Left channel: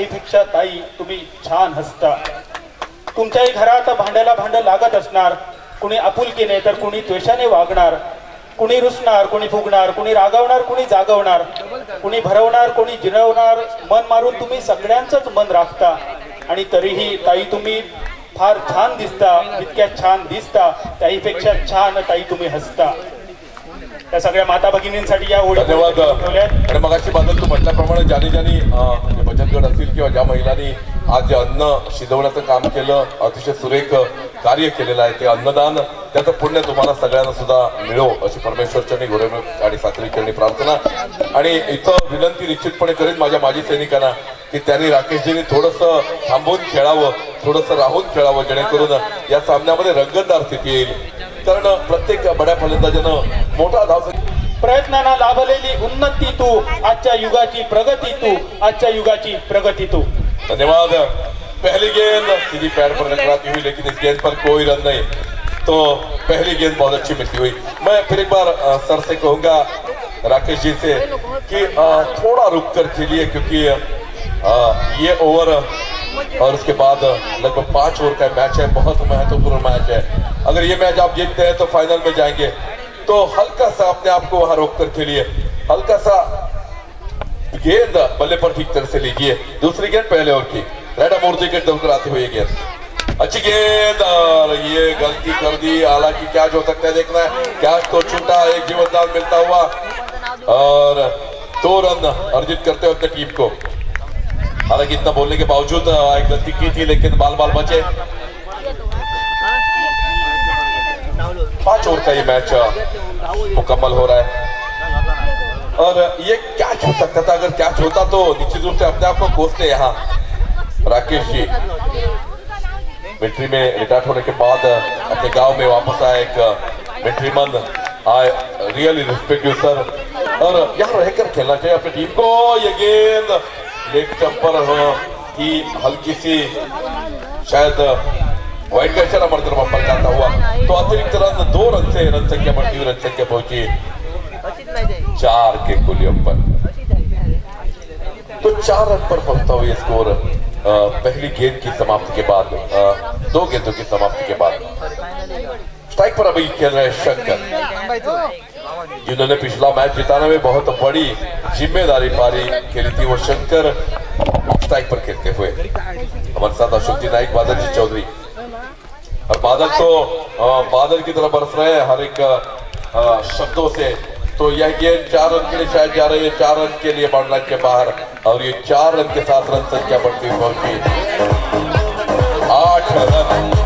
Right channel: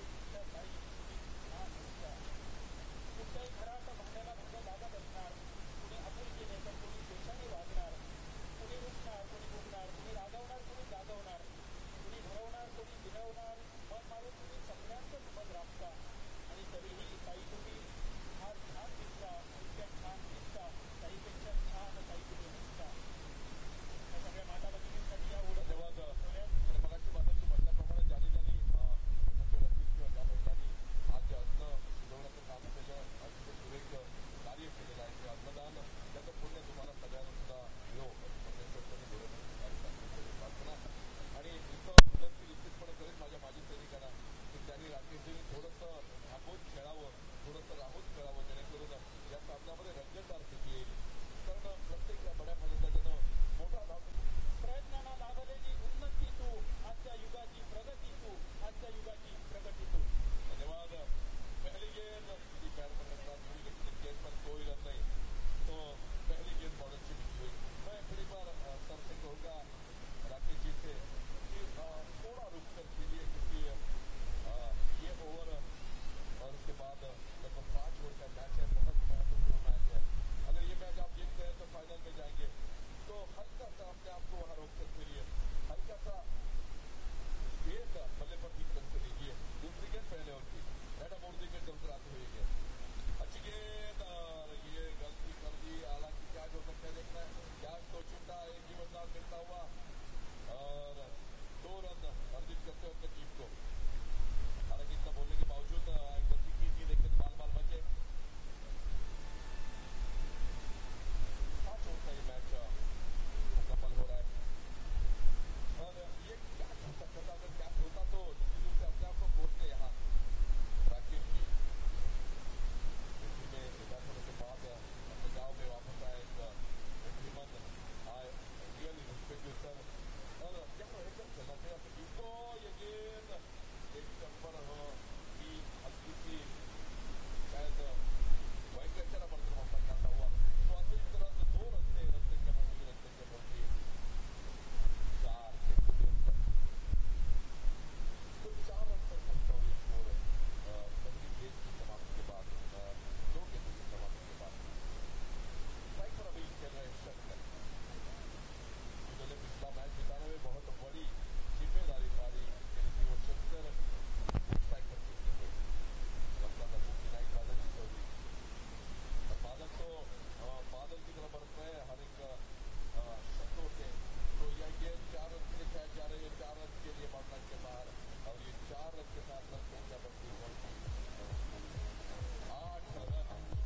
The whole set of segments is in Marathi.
ताईपेक्षा ताई तुम्ही छान हसता. तुमच्याही घरात भांड्याला भांड लागत असणार. कुणी आपुलकीने तर कुणी द्वेषाने वागणार. कुणी रुसणार, कुणी फुगणार, कुणी रागवणार, कुणी जागवणार, कुणी भरवणार, कुणी जिरवणार. मन मारून तुम्ही सगळ्यांचंच मन राखता. आणि तरीही ताई तुम्ही फार छान दिसता. इतक्या छान दिसता ताईपेक्षा छान ताई तुम्ही हसता. त्या सगळ्या माता भगिनींसाठी या ओळी धन्यवाद. आणि मगाशी बादल तू म्हटल्याप्रमाणे ज्यानी बचत गट असतील किंवा ज्या महिलांनी आज जे अन्न शिजवण्याचं काम केलं, अतिशय सुरेख कार्य केलेलं आहे, ते अन्नदान त्याचं पुण्य तुम्हाला सगळ्यांना सुद्धा मिळो अशी परमेश्वरचरणी गोरेम आणि सात्विकचरणी प्रार्थना. आणि इथं विनंती निश्चितपणे करीन माझ्या माजी सैनिकांना की त्यांनी राकेशजींनी थोडंसं थांबून खेळावं, थोडंसं राहून खेळावं, जेणेकरून या सामन्यामध्ये रंगतदार स्थिती येईल. कारण प्रत्येक बड्या फलंदाजानं मोठा धाव प्रयत्नांना लाभलेली उन्नती तू, आजच्या युगाची प्रगती तू, आजच्या युगाची प्रगती तू. धन्यवाद. पहली गेंद सीधी पैर पर टकराती हुई, लेकिन इस गेंद पर कोई रन नहीं. तो पहली गेंद बहुत अच्छी मिलती हुई. मैं फिर एक बार सर से कहूंगा राकेश जी से कि थोड़ा रुक कर खेलिए, क्योंकि ये ओवर और उसके बाद लगभग 5 ओवर का मैच है, बहुत महत्वपूर्ण मैच है. अगर ये मैच आप जीतते हैं तो फाइनल में जाएंगे. तो हल्का सा अपने आप को वहां रोक कर खेलिए, हल्का सा गेंद बल्ले पर ठीक तरह से लीजिए. दूसरी गेंद पहले ओवर की रेडा मूर्ति के दौकर आती हुई गेंद, अच्छी गेंद, और ये गलती कर दी. हालांकि कैच हो सकता है, देखना है. कैच तो छूटा, एक जीवनदान मिलता हुआ और 2 रन अर्जित करते हुए अपनी टीम को. हालांकि इतना बोलने के बावजूद एक गलती की थी, लेकिन बाल बाल बचे. 5 ओवर का ये मैच मुकम्मल हो रहा है. और ये कैच हो सकता था. अगर कैच होता तो निश्चित रूप से अपने आप को कोसते. यहाँ राकेश जी मिलिट्री में रिटायर्ड होने के बाद अपने गांव में वापस आए, एक military man. I really respect you sir. और यहाँ रहकर खेलना चाहिए अपनी टीम को. ये गेंद लेग चंपर की हल्की सी शायद वाइड का इशारा मरकर बम्पर जाता हुआ, तो अतिरिक्त रन 2 रन से रन संख्या बढ़ती हुई, रन संख्या पहुंची 4 के कुलियम पर. तो 4 रन पर पहुंचता हुआ स्कोर पहली गेंद की समाप्ति के बाद, 2 गेंदों की समाप्ति के बाद. स्ट्राइक पर अभी खेल रहे शंकर, जिन्होंने पिछला मैच जिताने में बहुत बड़ी जिम्मेदारी पारी खेली थी. वो शंकर स्ट्राइक पर खेलते हुए. हमारे साथ अशोक जी नाइक, बादल जी चौधरी. और बादल तो बादल की तरह बरस रहे हैं हर एक शब्दों से. तो यह गेंद 4 रन के लिए शायद जा रही है, 4 रन के लिए बाउंड्री लाइन के बाहर. और ये 4 रन के साथ रन संख्या बढ़ती हुई पहुंची 8 रन.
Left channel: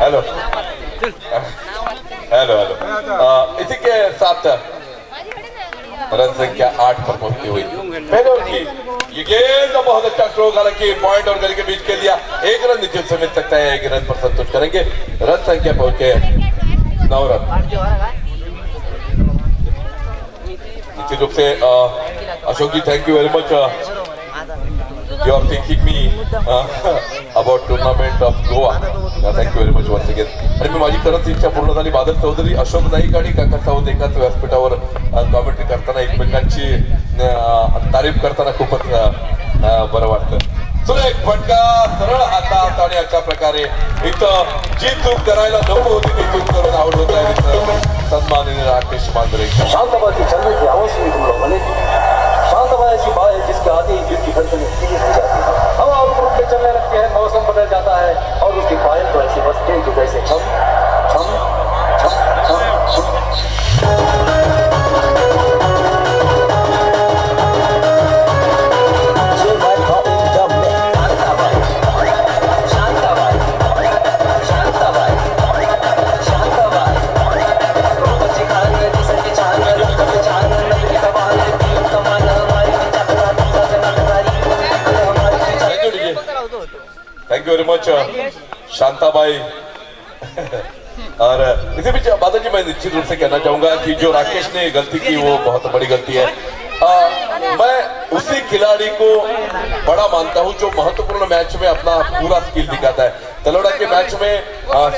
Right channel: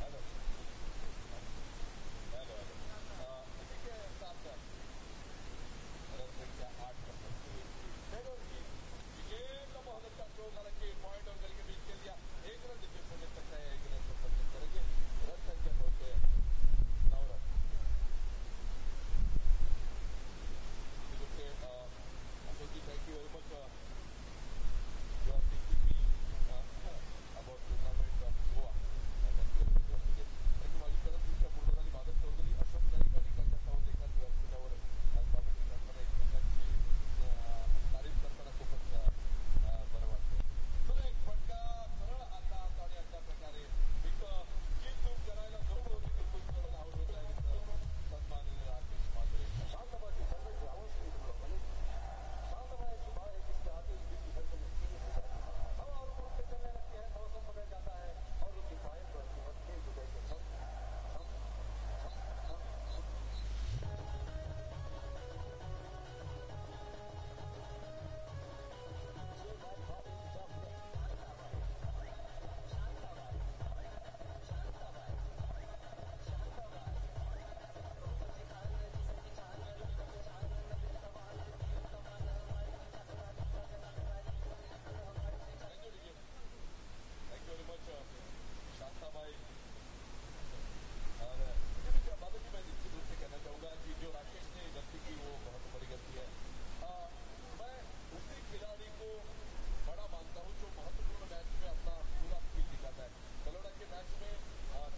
Hello hello hello. इसी के साथ रन संख्या 8 पर पहुंचती हुई पहले ओवर की ये गेंद बहुत अच्छा स्ट्रोक, हालांकि पॉइंट और गली के बीच खेल दिया. 1 रन नीचे से मिल सकता है, 1 रन पर संतुष्ट करेंगे. रन संख्या पहुंचे 9 रन. निश्चित रूप से Ashok ji, thank you very much. You are thinking me about tournament of Goa. Thank you very much once again. आणि मी माझी खरंच इच्छा पूर्ण झाली. बादल चौधरी, अशोक नाईक आणि काका सावंत एकाच व्यासपीठावर कॉमेंट्री करताना एकमेकांची तारीफ करताना खूपच बरं वाटतं. सुरेख फटका, सरळ हातात, आणि अशा प्रकारे इथं जी चूक करायला नको होती ती चूक करून आउट होत आहे सन्माननीय राकेश मांजरे. शांतबाजी चलने की आवाज सुनी तुम लोगों ने. शांतबाजी ऐसी बात है जिसके आते ही दिल की धड़कनें तेज हो जाती है, हवा और रुक के चलने लगते हैं, मौसम बदल जाता है और उसकी पायल तो ऐसी बजती है कि जैसे छम छम छम छम छम. Thank you very much Shantabai. और इसी बीच बादल जी, मैं निश्चित रूप से कहना चाहूंगा कि जो राकेश ने गलती की वो बहुत बड़ी गलती है. मैं उसी खिलाड़ी को बड़ा मानता हूं जो महत्वपूर्ण मैच में अपना पूरा स्किल दिखाता है। तलोड़ा के मैच में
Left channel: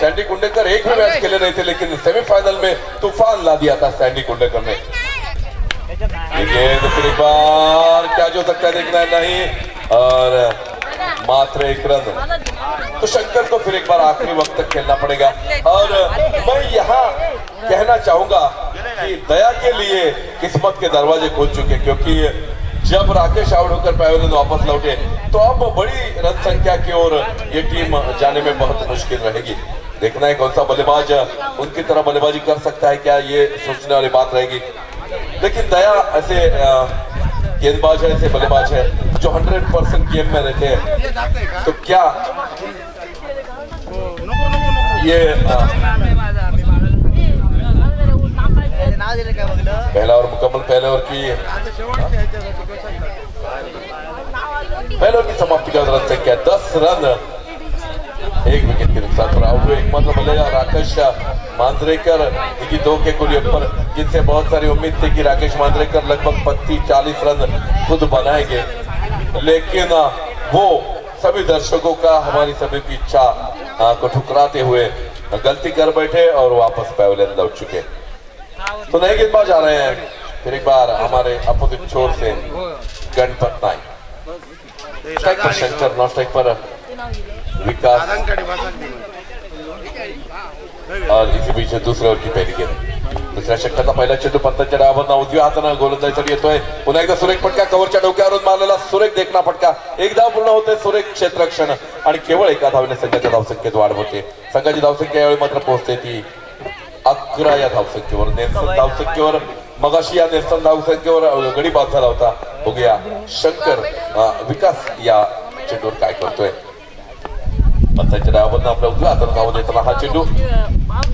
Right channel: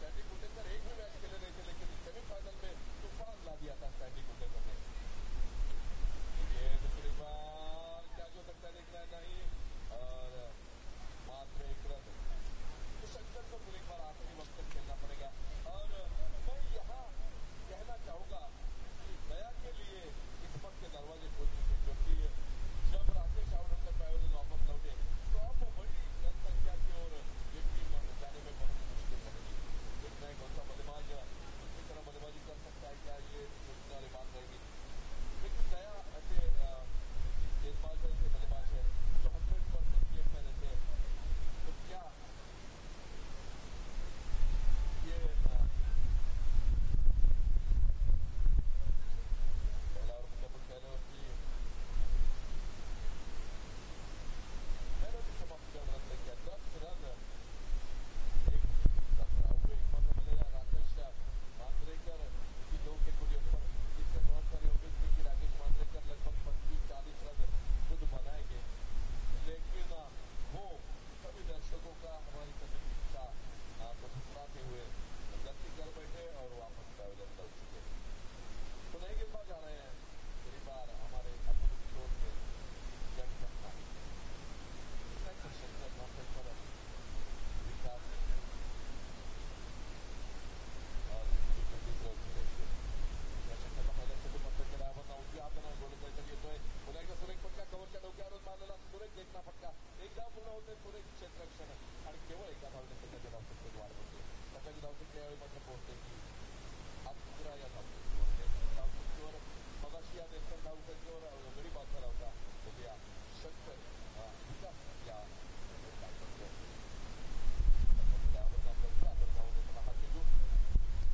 सैंडी कुंडेकर एक भी मैच खेले नहीं थे, लेकिन सेमीफाइनल में तूफान ला दिया था सैंडी कुंडेकर ने। फिर एक बार क्या जो सकता है देखना है, नहीं, और मात्र एक रन। तो शंकर को फिर एक बार आखिरी वक्त तक खेलना पड़ेगा। और मैं यहाँ कहना चाहूंगा कि दया के लिए किस्मत के दरवाजे खुल चुके, क्योंकि जब राकेश आउट होकर पैवेलियन वापस लौटे तो अब बड़ी रन संख्या की ओर ये टीम जाने में बहुत मुश्किल रहेगी। देखना है कौन सा बल्लेबाज उनकी तरह बल्लेबाजी कर सकता है, क्या ये सोचने वाली बात रहेगी। लेकिन दया ऐसे गेंदबाज है, ऐसे बल्लेबाज है जो 100% गेम में रहते हैं। तो क्या ये पहला और मुकम्मल पहले ओवर की समाप्ति का रन संख्या 10 रन, 1 विकेट के नुकसान पर आउट हुए एकमात्र बल्लेबाज राकेश मांजरेकर, 2 के कुल पर, जिनसे बहुत सारी उम्मीद थी कि राकेश मांजरेकर लगभग 35-40 रन खुद बनाएंगे, लेकिन वो सभी दर्शकों का, हमारी सभी की इच्छा को ठुकराते हुए गलती कर बैठे और वापस पैवेलियन लौट चुके। तो नए गेंदबाज आ रहे हैं फिर एक बार हमारे अपोजिट छोर से गणपत नाइक। स्ट्राइक पर शंकर, नॉन स्ट्राइक पर विकास, और इसी बीच दूसरे ओव्हर की पहिली गेंद। दुसऱ्या षटकाचा पहिला चेंडू पंतांच्या डावावरनं उजव्या हातानं गोलंदाजीसाठी येतोय। पुन्हा एकदा सुरेख फटका, कव्हरच्या डोक्यावरून मारलेला सुरेख देखना फटका, एक धाव पूर्ण होते सुरेख क्षेत्ररक्षण आणि केवळ एका धावेने संघाच्या धावसंख्येत वाढ होते। संघाची धावसंख्या यावेळी मात्र पोहोचते ती 11 या धावसंख्येवर। नेल्सन धावसंख्येवर मगाशी या नेल्सन धावसंख्येवर गडी बाद झाला होता। बघूया शंकर विकास या चेंडूवर काय करतोय। पंतांच्या डावावरनं आपल्या उजव्या हातानं धाव देताना हा चेंडू,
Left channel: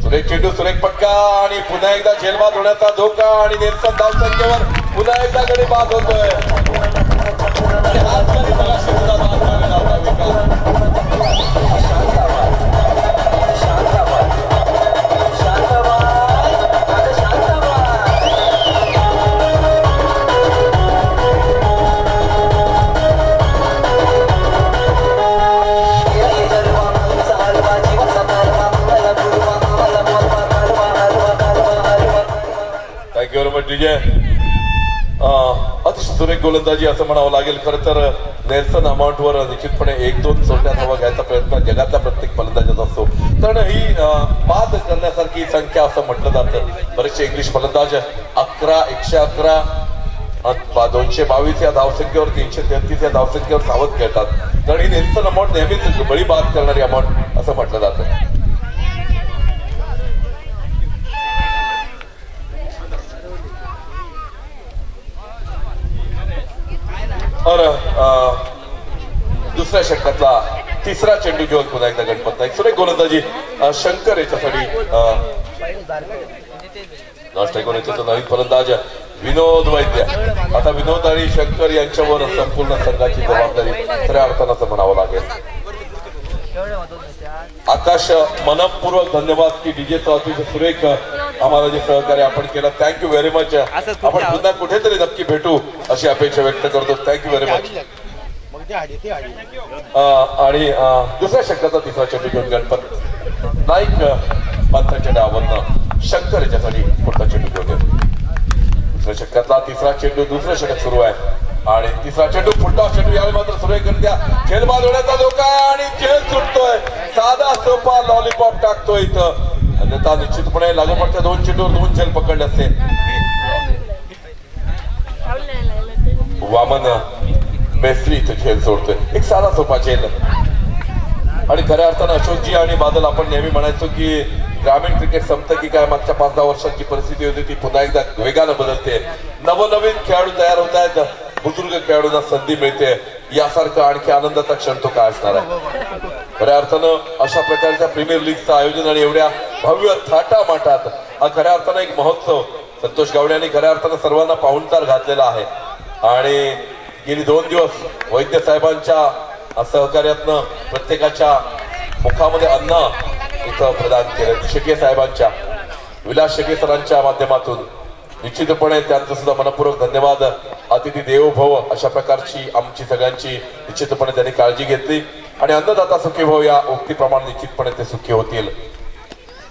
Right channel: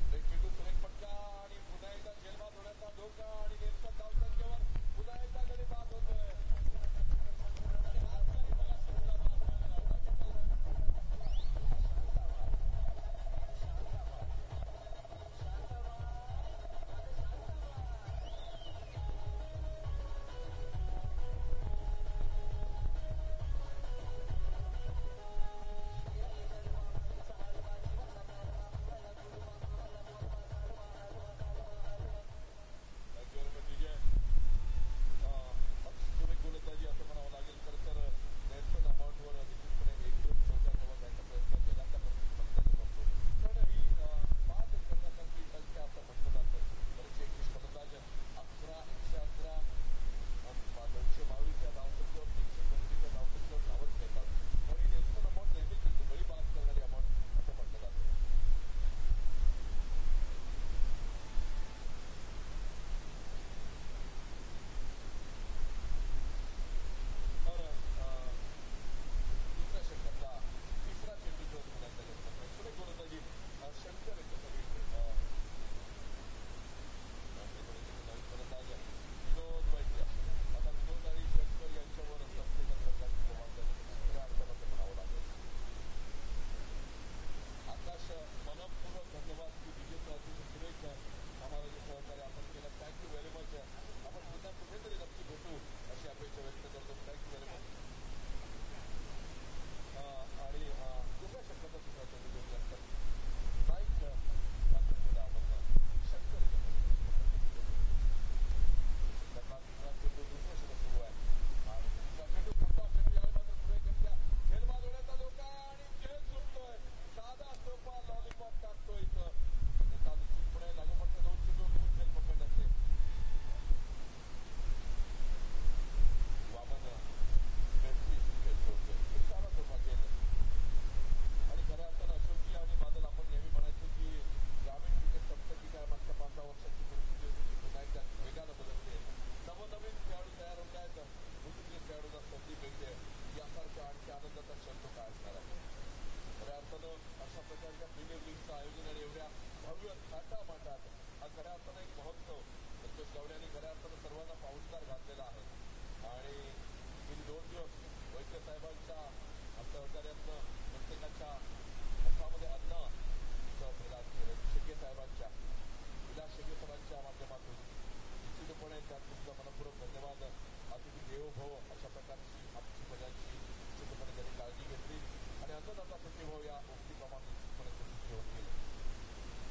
सुरेख चेंडू, सुरेख फटका आणि पुन्हा एकदा झेलबाद होण्याचा धोका आणि नेल्सन धावसंख्येवर पुन्हा एकदा गडी बाद होतोय। अतिशय सुरेख गोलंदाजी असं म्हणावं लागेल। खरं तर नेल्सन अमाउंटवर निश्चितपणे 1-2 सोट्या धावा घ्यायचा प्रयत्न जगातल्या प्रत्येक फलंदाजाचा असतो, कारण ही बाद करण्यासारखी संख्या असं म्हटलं जातं। बरेचसे इंग्लिश फलंदाज 11, 111, 222 या धावसंख्येवर, 333 या धावसंख्येवर सावध खेळतात, कारण ही नेल्सन अमाउंट नेहमीच बळी बाद करणारी अमाउंट असं म्हटलं जातं। और दुसऱ्या षटकातला तिसरा चेंडू घेऊन पुन्हा एकदा गणपत नाईक, सुरेख गोलंदाजी शंकर याच्यासाठी नवीन फलंदाज विनोद वैद्य। आता विनोद आणि शंकर यांच्यावर संपूर्ण संघाची जबाबदारी खऱ्या अर्थानं असं म्हणावं लागेल। आकाश, मनपूर्वक धन्यवाद की डीजेचं अतिशय सुरेख आम्हाला जे सहकार्य आपण केलं, थँक्यू व्हेरी मच। आपण पुन्हा कुठेतरी नक्की भेटू अशी अपेक्षा व्यक्त करतो, थँक्यू व्हेरी मच। आणि दुसऱ्या षटकाचा तिसरा चेंडू घेऊन गणपत नाईक पंतांच्या डावावरनं शंकर याच्यासाठी पुढचा चेंडू घेऊन दुसऱ्या षटकातला तिसरा चेंडू, दुसरं षटक सुरू आहे आणि तिसरा चेंडू, पुढचा चेंडू यावेळी मात्र सुरेखरित्या खेळबाद होण्याचा धोका आहे आणि खेळ सुटतोय। साधा सोपा लॉलीपॉप टाकतोय इथं, अन्यथा निश्चितपणे लागोपाठच्या 2 चेंडूवर 2 झेल पकडले असते। वामन बेसरी इथं खेळ सोडतोय, एक साधा सोपा झेल। आणि खऱ्या अर्थानं अशोकजी आणि बादल आपण नेहमी म्हणायचो की ग्रामीण क्रिकेट संपतं की काय, मागच्या 5-10 वर्षांची परिस्थिती होती ती पुन्हा एकदा वेगानं बदलते। नवनवीन खेळाडू तयार होत आहेत, बुजुर्ग खेळाडूंना संधी मिळते, यासारखा आणखी आनंदाचा क्षण तो काय असणार आहे। खऱ्या अर्थानं अशा प्रकारच्या प्रीमियर लीगचं आयोजन आणि एवढ्या भव्य थाटामाटात हा खऱ्या अर्थानं एक महोत्सव संतोष गावडे यांनी खऱ्या अर्थानं सर्वांना पाहुणचार घातलेला आहे। आणि गेली 2 दिवस वैद्य साहेबांच्या सहकार्यातनं प्रत्येकाच्या मुखामध्ये अन्न इथं प्रदान केलं। शेट्ये साहेबांच्या, विलास शेट्ये सरांच्या माध्यमातून निश्चितपणे त्यांचं सुद्धा मनपूर्वक धन्यवाद. अतिथी देवो भव अशा प्रकारची आमची सगळ्यांची निश्चितपणे त्यांनी काळजी घेतली आणि अन्नदाता सुखी भव या उक्तीप्रमाणे निश्चितपणे ते सुखी होतील.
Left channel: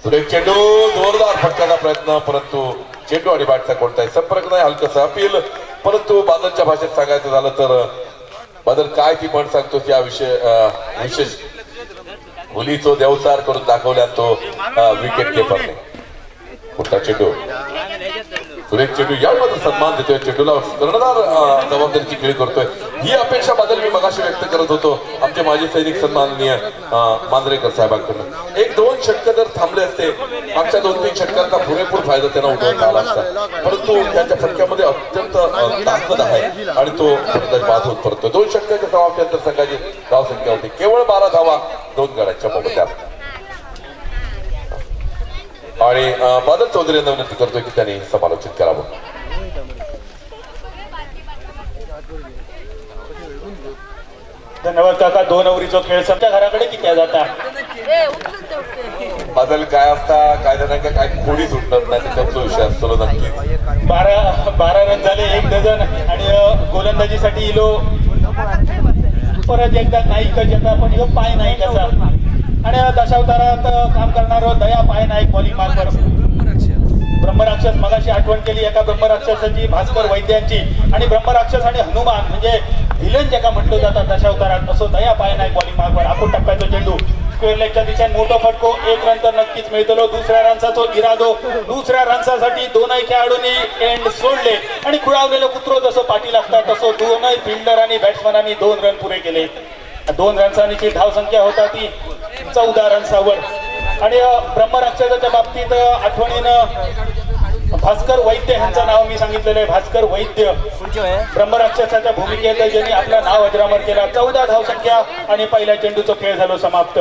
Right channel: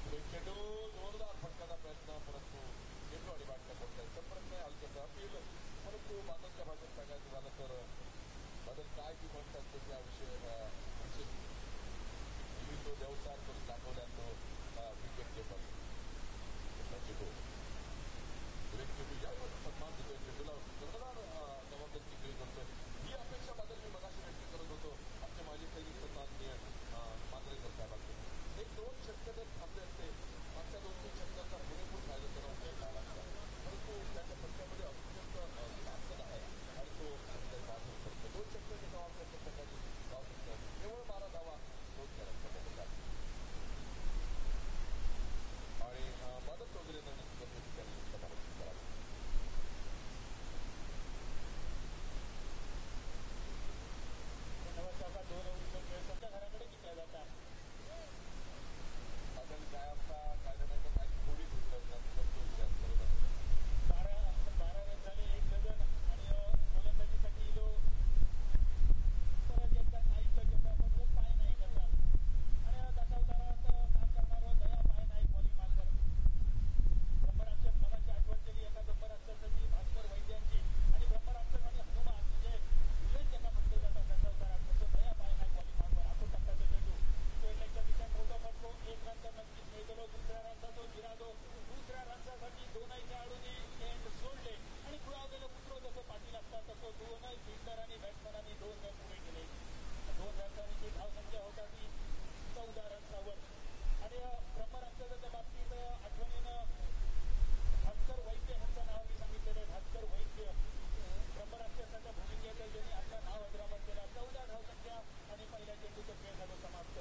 सुरेख चेंडू, जोरदार फटकाचा प्रयत्न, परंतु चेंडू आणि बॅटचा कोणताही संपर्क नाही. हलकसा अपील, परंतु बादलच्या भाषेत सांगायचं झालं तर बादल काय ती पण सांगतो त्या विशेष मुलीचो देवचार करून दाखवल्या तो विकेट किपर. कुठला चेंडू, सुरेख चेंडू यामध्ये सन्मान देतोय, चेंडूला कर्णधार जबाबदारीची खेळी करतोय. ही अपेक्षा बादल मी मगाशी व्यक्त करत होतो आमचे माजी सैनिक सन्माननीय मांजरेकर साहेबांकडून. 1-2 षटकं जर थांबले असते, मागच्या 2-3 षटकांचा पुरेपूर फायदा त्यांना उठवता आला असता, परंतु त्यांच्या फटक्यामध्ये अत्यंत ताकद आहे आणि तो बाद होत परतोय. 2 षटकाच्या समाप्तीनंतर संघाची धावसंख्या होती केवळ 12 धावा 2 गड्यांच्या मोबदल्यात. आणि बादल चौधरी यांना विनंती करतोय की त्यांनी समालोचित करावं. धन्यवाद काका. 2 ओव्हरीचा खेळ सध्या घराकडे किती जाता. बादल काय असता काय जणांना काय खोडी सुटणार नाही त्याचा विषय असतो नक्कीच. 12 रन झाले, 1 डझन आणि गोलंदाजीसाठी इलो परत एकदा नाईक जगा पण ह्यो पाय नाही कसा आणि दशावतारात काम करणारो दया पाय नाईक बॉलिंग मार्कर. ब्रह्मराक्षस मगाशी आठवण केली एका ब्रह्मराक्षसाची, भास्कर वैद्यांची, आणि ब्रह्मराक्षस आणि हनुमान म्हणजे व्हिलन ज्याका म्हटलं जातात दशावतारात, असो दया पाय नाईक बॉलिंग मार्कर. आखून टप्प्याचा चेंडू स्क्वेअर लेगच्या दिशेने मोठो फटको, 1 रन तर नक्कीच मिळतलो. दुसऱ्या रनचा इरादो, दुसऱ्या रनसाठी दोनही खेळाडूंनी एंड सोडले आणि खुळावलेलं कुत्रो जसं पाठी लागतात तसं दोनही फिल्डर आणि बॅट्समनांनी 2 रन पुरे केले. 2 रनची धावसंख्या होता ती 14 रन्सावर. आणि ब्रह्मराक्षसाच्या बाबतीत आठवणीनं भास्कर वैद्य यांचं नाव मी सांगितलेलं आहे. भास्कर वैद्य ब्रह्मराक्षसाच्या भूमिकेत ज्यांनी आपलं नाव अजरामर केला. 14 धावसंख्या आणि पहिल्या चेंडूचा खेळ झालो समाप्त.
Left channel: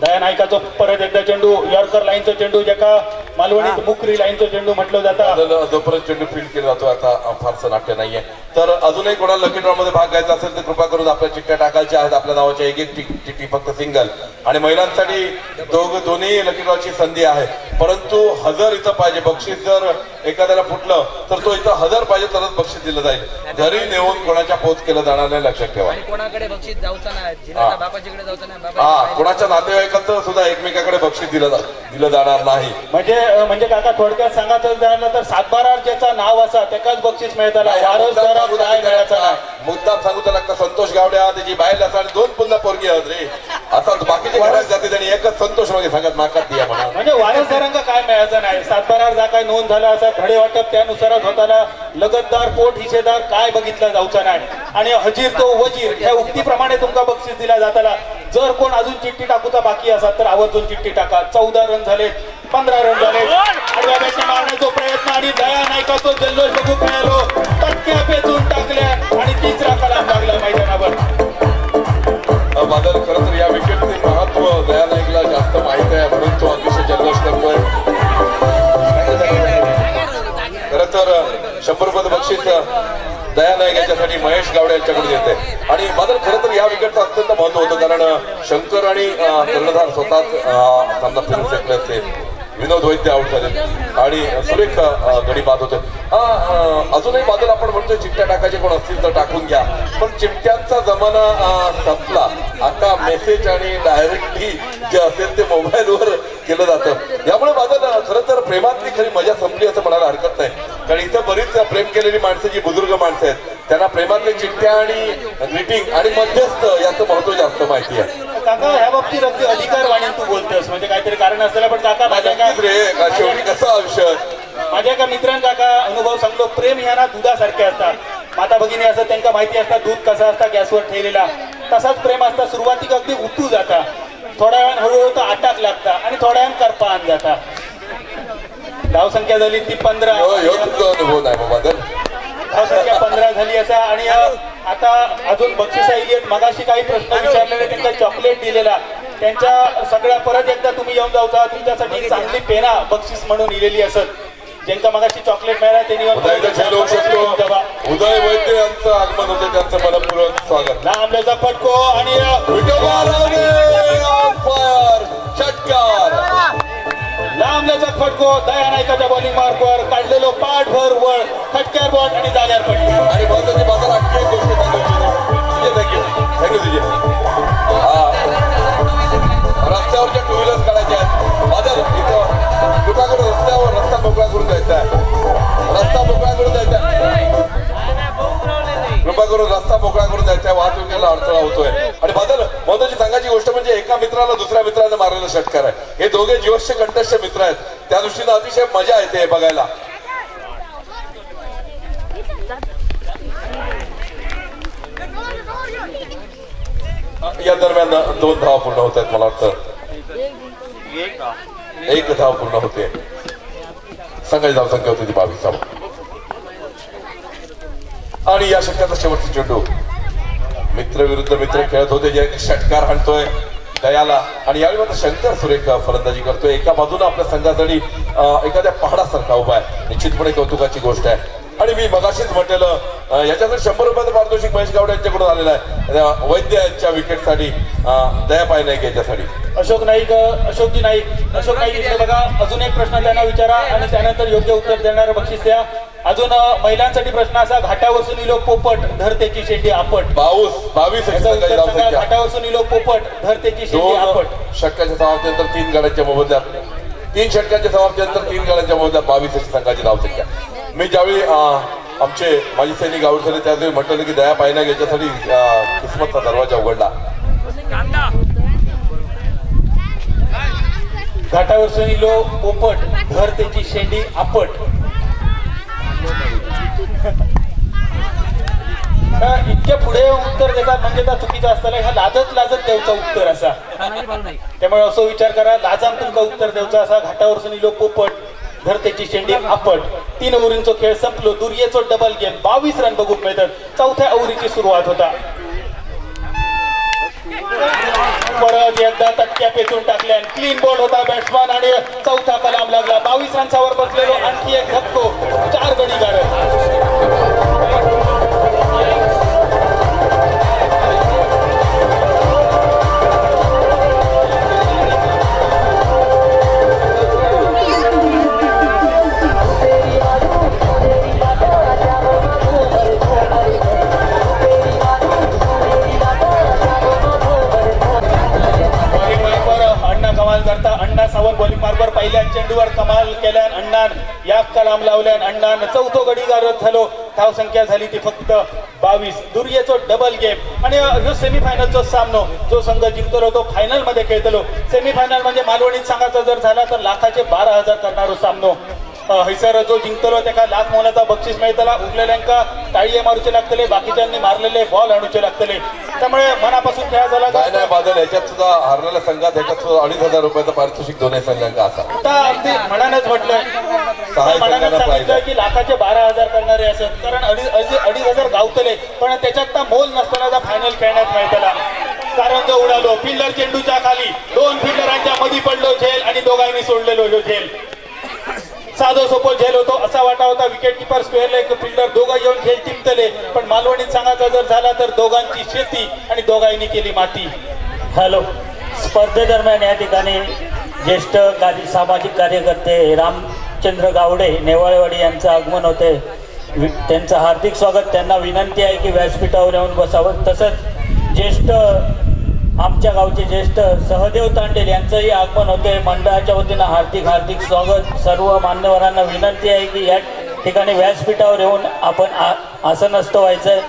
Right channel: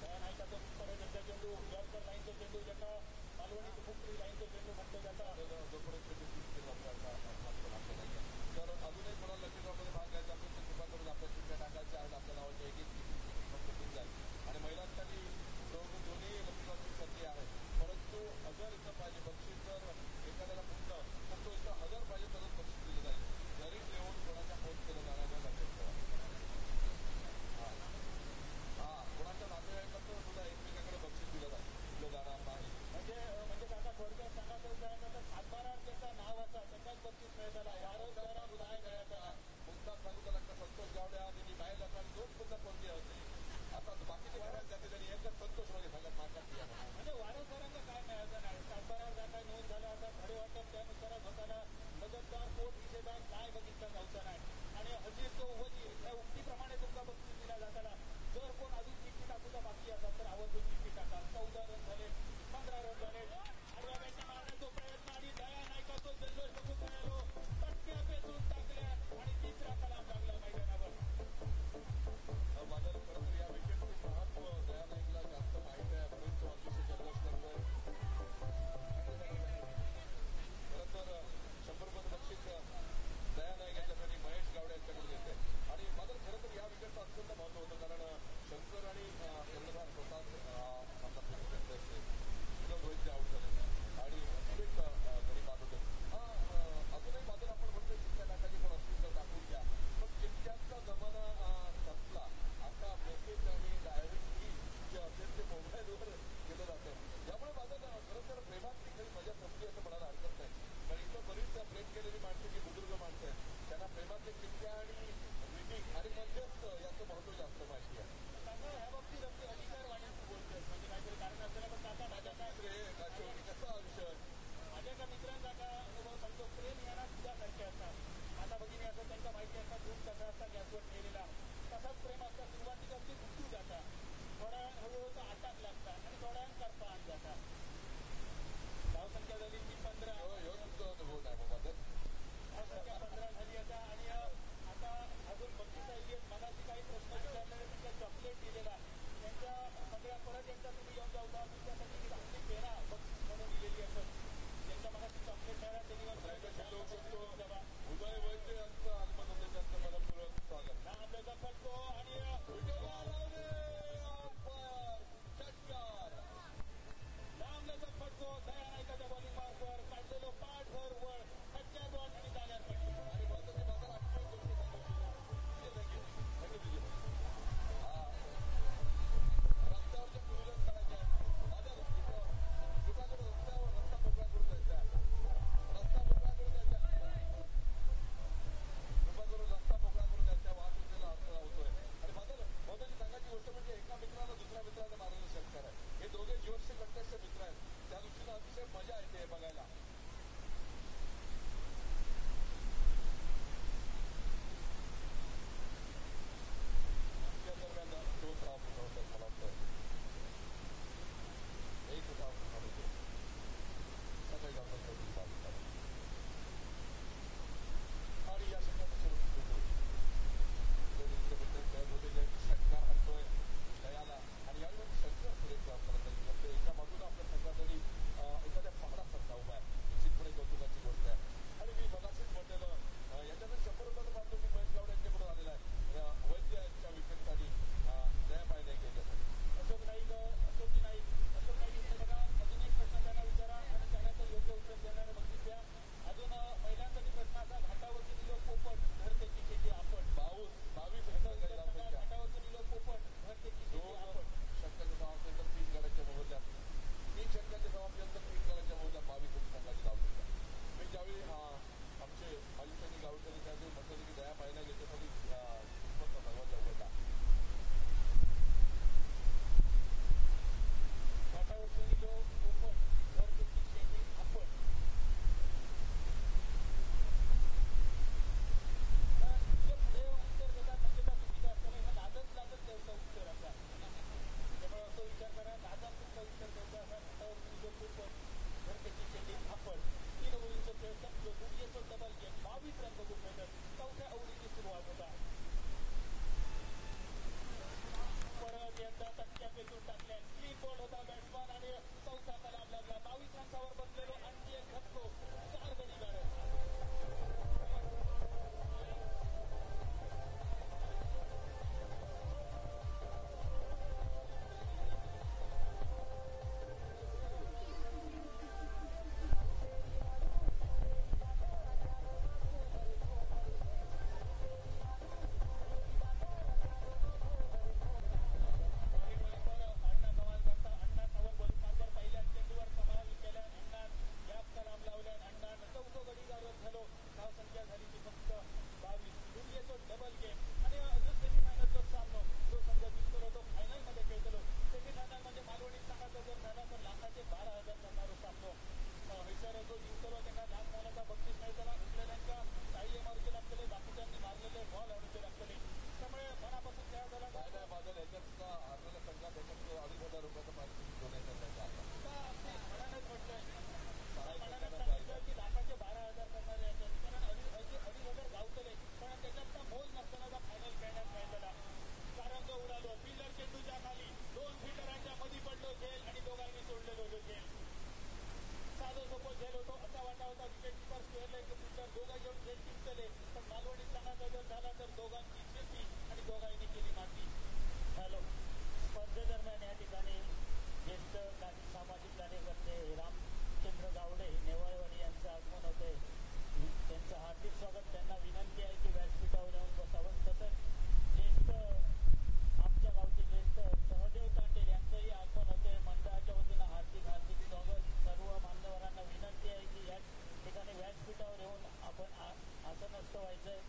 दया नायकाचा परत एकदा चेंडू, यॉर्कर लाईनचा चेंडू ज्याका मालवणीत मुकरी लाईनचा चेंडू म्हटलं जातं. जोपर्यंत चेंडू फील्ड केला जातो आता फारसं नाट्य नाहीये. तर अजूनही कोणाला लकी ड्रॉ मध्ये भाग घ्यायचा असेल तर कृपा करून आपल्या चिठ्ठ्या टाकायच्या आहेत. आपल्या नावाच्या एक चिठ्ठी फक्त सिंगल. आणि महिलांसाठी दोन्ही लकी ड्रॉची संधी आहे, परंतु 1000 इथं पाहिजे बक्षीस. जर एखाद्याला फुटलं तर तो इथं 1000 पाहिजे तरच बक्षीस दिलं जाईल. घरी नेऊन कोणाच्या पोच केलं जाणार नाही, लक्षात ठेवा. कोणाकडे बक्षीस जाऊचा नाही, बापाजीकडे जाऊचा नाही. हा, कोणाच्या नातेवाईकांचं सुद्धा एकमेकाकडे बक्षीस दिलं जाणार नाही. म्हणजे काका थोडक्यात सांगायचं झालं तर 7-12 ज्याचं नाव असा त्याकाच बक्षीस मिळताला, वारसदारात काय मिळायचं नाही. मुद्दाम सांगू त्याला का संतोष गावड्या त्याची बाहेर असा आणि 2 पुन्हा पोरगी आहेत रे असा बाकीचे घरात जाते त्यांनी एकच संतोष मागे सांगत नाकात दिया म्हणा. म्हणजे वारसदारांना काय मिळायचं नाही. 7-12 जा काय नोंद झाला असा धडे वाटप त्यानुसारच होताना. लगतदार पोट हिशेदार काय बघितलं जाऊचा नाही. आणि हजीर तो वजीर ह्या उक्तीप्रमाणे तुमका बक्षीस दिला जाताला. जर कोण अजून चिठ्ठी टाकूचा बाकी असा तर आवर्जून चिठ्ठी टाका. 14 रन झाले, 15 रन झाले. आडव्या बॅटने मारण्याचा प्रयत्न आणि दया नायकाचा जल्लोष बघू मिळालो. टक्क्या पेचून टाकल्या आणि 3रा कलाम लागला मैदानावर. बादल खरं तर या विकेटचे महत्व दया नाईकला जास्त माहित आहे म्हणून तो अतिशय जल्लोष करतोय. खरं तर 100 रुपये बक्षीस दया नाईक यांच्यासाठी महेश गावडे यांच्याकडे येते. आणि बादल खरं तर या विकेटचं अत्यंत महत्व होतं कारण शंकर आणि कर्णधार स्वतःच सामना फिरून फेकले असते. विनोद वैद्य आउट झाले आणि सुरेख गडी बाद होते. अजूनही बादल आपण म्हणतोय चिठ्ठ्या टाकायचे कोण असतील तर टाकून घ्या, पण चिठ्ठ्यांचा जमाना संपला. आता मेसेज आणि डायरेक्टली जे असेल ते मोबाईलवर केलं जातं. यामुळे बादल खरं तर प्रेमातली खरी मजा संपली असं म्हणायला हरकत नाही. कारण इथं बरीच प्रेम केलेली माणसं जी बुजुर्ग माणसं आहेत त्यांना प्रेमातले चिठ्ठ्या आणि ग्रीटिंग आणि मध्यस्थ याचं महत्व जास्त माहिती आहे. काका ह्या बाबतीत अगदी अधिकार वाणीन तू बोलतोस म्हणजे काहीतरी कारण असलेला. पण काका शेवटी कसा विषय माझ्या एका मित्रांनी काका अनुभव सांगलो. प्रेम ह्या दुधासारखे असतात. माता भगिनी असं त्यांना माहिती असतात दूध कसं असता गॅसवर ठेवलेला, तसाच प्रेम असता. सुरुवातीक अगदी उतू जाता, थोड्या वेळानं हळूहळू तो आटाक लागता आणि थोड्या वेळानं करपान जाता. धावसंख्या झाली ती 15. अनुभव नाही बाबा. धावसंख्या 15 झाली असा. आणि आता अजून बक्षिसा इलियट मगाशी काही प्रश्न विचारलेले त्यांना चॉकलेट दिलेला. त्यांच्या सगळ्या परत एकदा तुम्ही येऊन जाऊचा. तुमच्यासाठी चांगली पेना बक्षीस म्हणून इलेली असत. ज्यांना मगाशी चॉकलेट मिळाला त्यांनी उदय वैद्य यांचं आगमन होतं, त्यांचं मनपूर्वक स्वागत. लांबल्याचा फटको आणि षटकार लांब लांबल्याचा फटको दया नायकाच्या बॉलिंग मार्कवर काढलेलो पाठभर वळ फटक्यावर बॉल आणि जाग्यावर पडली. आणि महत्वाची बाजार आणखी एक गोष्ट थँक्यू तुझे रस्त्यावरच्या टू व्हीलर्स काढायच्या आहेत. बाजार इथं कृपा करून रस्त्यावर रस्ता मोकळा करून द्यायचा आहे. रस्ता मोकळा करून द्यायचा आहे. कृपा करून रस्ता मोकळा करून द्यायचा. वाहतुकीला अडथळा होतोय. आणि बादल महत्वाची सांगायची गोष्ट म्हणजे एका मित्राला दुसऱ्या मित्राने मारलेला षटकार आहे. हे दोघे जीवश्य कंठस्थ मित्र आहेत. त्या दृष्टीने अतिशय मजा येते बघायला. या दरम्यान 2 धावा पूर्ण होत आहेत. मला वाटतं 1 धाव पूर्ण होते. संघाची धावसंख्या होती ती 22 धाव. आणि या षटकाचा शेवटचा चेंडू मित्र विरुद्ध मित्र खेळत होते. जे षटकार हाणतोय दयाला आणि यावेळी मात्र शंकर सुरेख फलंदाजी करतोय. एका बाजूला आपल्या संघासाठी एखाद्या पहाडासारखा उभा आहे. निश्चितपणे कौतुकाची गोष्ट आहे. आणि मी मगाशीच म्हटलेलं याच्यासाठी 100 रुपयाचं पारितोषिक महेश गावडे यांच्याकडून आलेलं आहे. वैद्य यांच्या विकेटसाठी दया पाय नाईक यांच्यासाठी अशोक नाईक इथे बघा. अजून एक प्रश्न त्यांना विचारा आणि त्यानंतर योग्य उत्तर देणारं बक्षीस द्या. अजून महिलांसाठी प्रश्न असा घाटावरसून इलो पोपट धरतेची शेंडी आपट. 22 घाटावरसून इलो पोपट धरतेची शेंडी आपट. षटकाच्या समाप्तीनंतर 3 गाड्यांच्या मोबदल्यात 3 षटकांच्या समाप्तीनंतर 3 गाड्यांच्या मोबदल्यात 22 अशी संघाची धावसंख्या. मी ज्यावेळी आमचे माजी सैनिक आऊट झाले त्यावेळी म्हटलं की दया पायना याच्यासाठी किस्मतचा दरवाजा उघडला. घाटावरसून इलो पोपट धरतेची शेंडी आपट. इतक्या पुढे उत्तर देतात म्हणजे त्या चुकीचं असताना ह्या लाजत द्यायचं उत्तर असा. त्यामुळे असं विचार करा लाजाम तुमका उत्तर द्यायचा असा. घाटावरसून इलो पोपट धरतेची शेंडी आपट. 3 ओव्हरींचा खेळ संपलो. दुर्येचो डबल गेम 22 रन बघून मिळतात. 4थ्या ओव्हरीची सुरुवात होता. परत एकदा तटक्या पेचून टाकल्या. क्लीन बॉल होता बॅट्समन आणि 4था कलाम लागला. 22 रनच्यावर बसलेलो आणखी एक धक्को 4 गडी गाडत. अण्णा सावंत बॉलिंग मार्कवर पहिल्या चेंडूवर कमाल केल्यान अण्णान या कलाम लावल्यान अण्णान 4थो गडी गारत झालो. धाव संख्या झाली ती फक्त 22. दुर्येचो डबल गेम आणि ह्यो सेमीफायनलचो सामनो जो संघ जिंकलो तो फायनल मध्ये खेळतलो. सेमीफायनल म्हणजे मालवणीत सांगायचा जर झाला तर लाखाचे 12,000 करणारो सामनो. हैसर जो जिंकतलो त्याका लाख मोलाचा बक्षीस मिळतला. उरलेल्यांका टाळी मारूचे लागतले. बाकीच्यांनी मारलेले बॉल आणूचे लागतले. त्यामुळे मनापासून खेळ झाला. काय नाही बादल याच्यात सुद्धा हरलेल्या संघात याच्यात सुद्धा 2,500 रुपयाचं पारितोषिक दोन्ही संघांका असा. आता अगदी मनानच म्हटलंय मनानच सांगितलं की लाखाचे 12,000 करणारे असत. कारण 2,500 गावतले पण त्याच्यात मोल नसताना फायनल खेळण्यात मिळतला. कारण जो उडालो फिल्डर चेंडूच्या खाली 2 फिल्डरांच्या मध्ये पडलो झेल आणि दोघांनी सोडलेलो जो झेल. साधो सोपो झेल होतो असा वाटा होता. विकेट किपर स्क्वेअरला एक फिल्डर दोघं येऊन खेळ टिपतले पण मालवणीत सांगायचा जर झाला तर दोघांची शेती आणि दोघांनी केली माती. हॅलो. स्पर्धेदरम्यान या ठिकाणी ज्येष्ठ सामाजिक कार्यकर्ते रामचंद्र गावडे नेवाळेवाडी यांचं आगमन होते. त्यांचं हार्दिक स्वागत. त्यांना विनंती आहे की व्यासपीठावर येऊन बसावं. तसंच ज्येष्ठ आमच्या गावचे ज्येष्ठ सहदेव तांडेल यांचंही आगमन होते. मंडळाच्या वतीनं हार्दिक स्वागत. सर्व मान्यवरांना विनंती आहे की या ठिकाणी व्यासपीठावर येऊन आपण आसनस्थ व्हायचंय.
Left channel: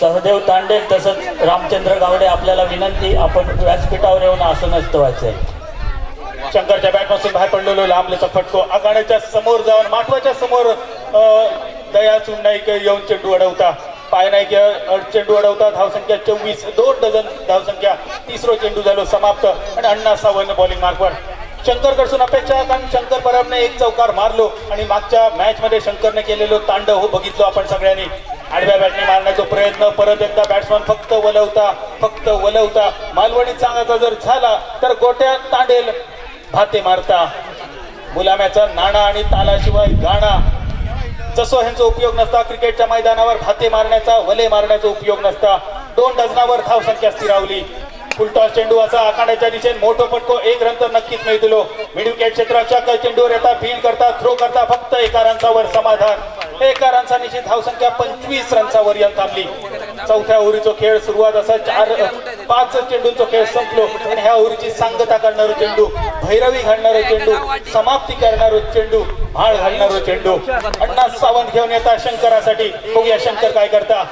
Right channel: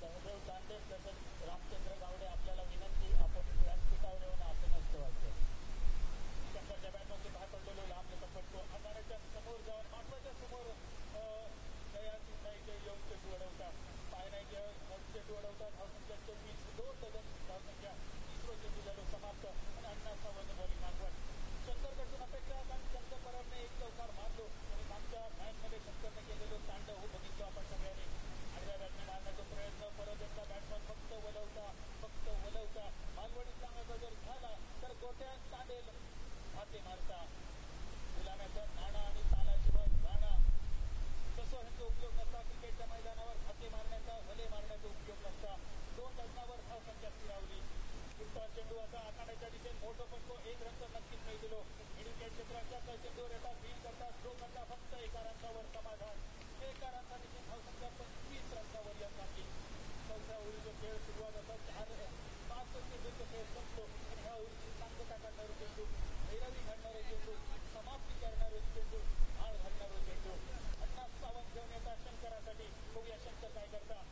सहदेव तांडेल तसंच रामचंद्र गावडे आपल्याला विनंती आपण व्यासपीठावर येऊन आसनस्थ व्हायचंय. शंकरच्या बॅटपासून बाहेर पडलेलो लांबलेचा फटको आघाड्याच्या समोर जाऊन माठवाच्या समोर दया नाईक येऊन चेंडू अडवता. पाय नाईक चेंडू अडवता. धावसंख्या 24. 2 डझन धावसंख्या. 3रो चेंडू झालो समाप्त आणि अण्णा सावंत बॉलिंग मार्कवर. शंकर कडसून अपेक्षा कारण शंकर परबने 1 चौकार मारलो आणि मागच्या मॅच मध्ये शंकरने केलेलो तांडव हो बघितलो आपण सगळ्यांनी. आडव्या बॅटने मारण्याचा प्रयत्न. परत एकदा बॅट्समन फक्त वलवता. मालवणीत सांगायचा जर झाला तर गोट्या तांडेल भाते मारता. मुलाम्याचा नाणा आणि तालाशिवाय गाणा जसो ह्यांचा उपयोग नसता. क्रिकेटच्या मैदानावर भाते मारण्याचा वले मारण्याचा उपयोग नसता. 2 डझनावर धावसंख्या स्थिरावली. फुलटॉस चेंडू असा आखाड्याच्या दिशेने मोठो फटको, एक रन तर नक्कीच मिळतो. मिड विकेट क्षेत्राच्या चेंडूवर येतात, फील्ड करता, थ्रो करता, फक्त एका रनचावर समाधान. एका रनचा निश्चित धावसंख्या 25 रनचावर यंत थांबली. चौथ्या ओव्हरीचा खेळ सुरुवात असा 4-5 चेंडूंचा खेळ संपलो आणि ह्या ओव्हरीची सांगता करणारा चेंडू, भैरवी घालणारा चेंडू, समाप्ती करणारा चेंडू, भाळ घालणारा चेंडू. अण्णा सावंत घेऊन येतात शंकरासाठी. बघूया शंकर काय करता.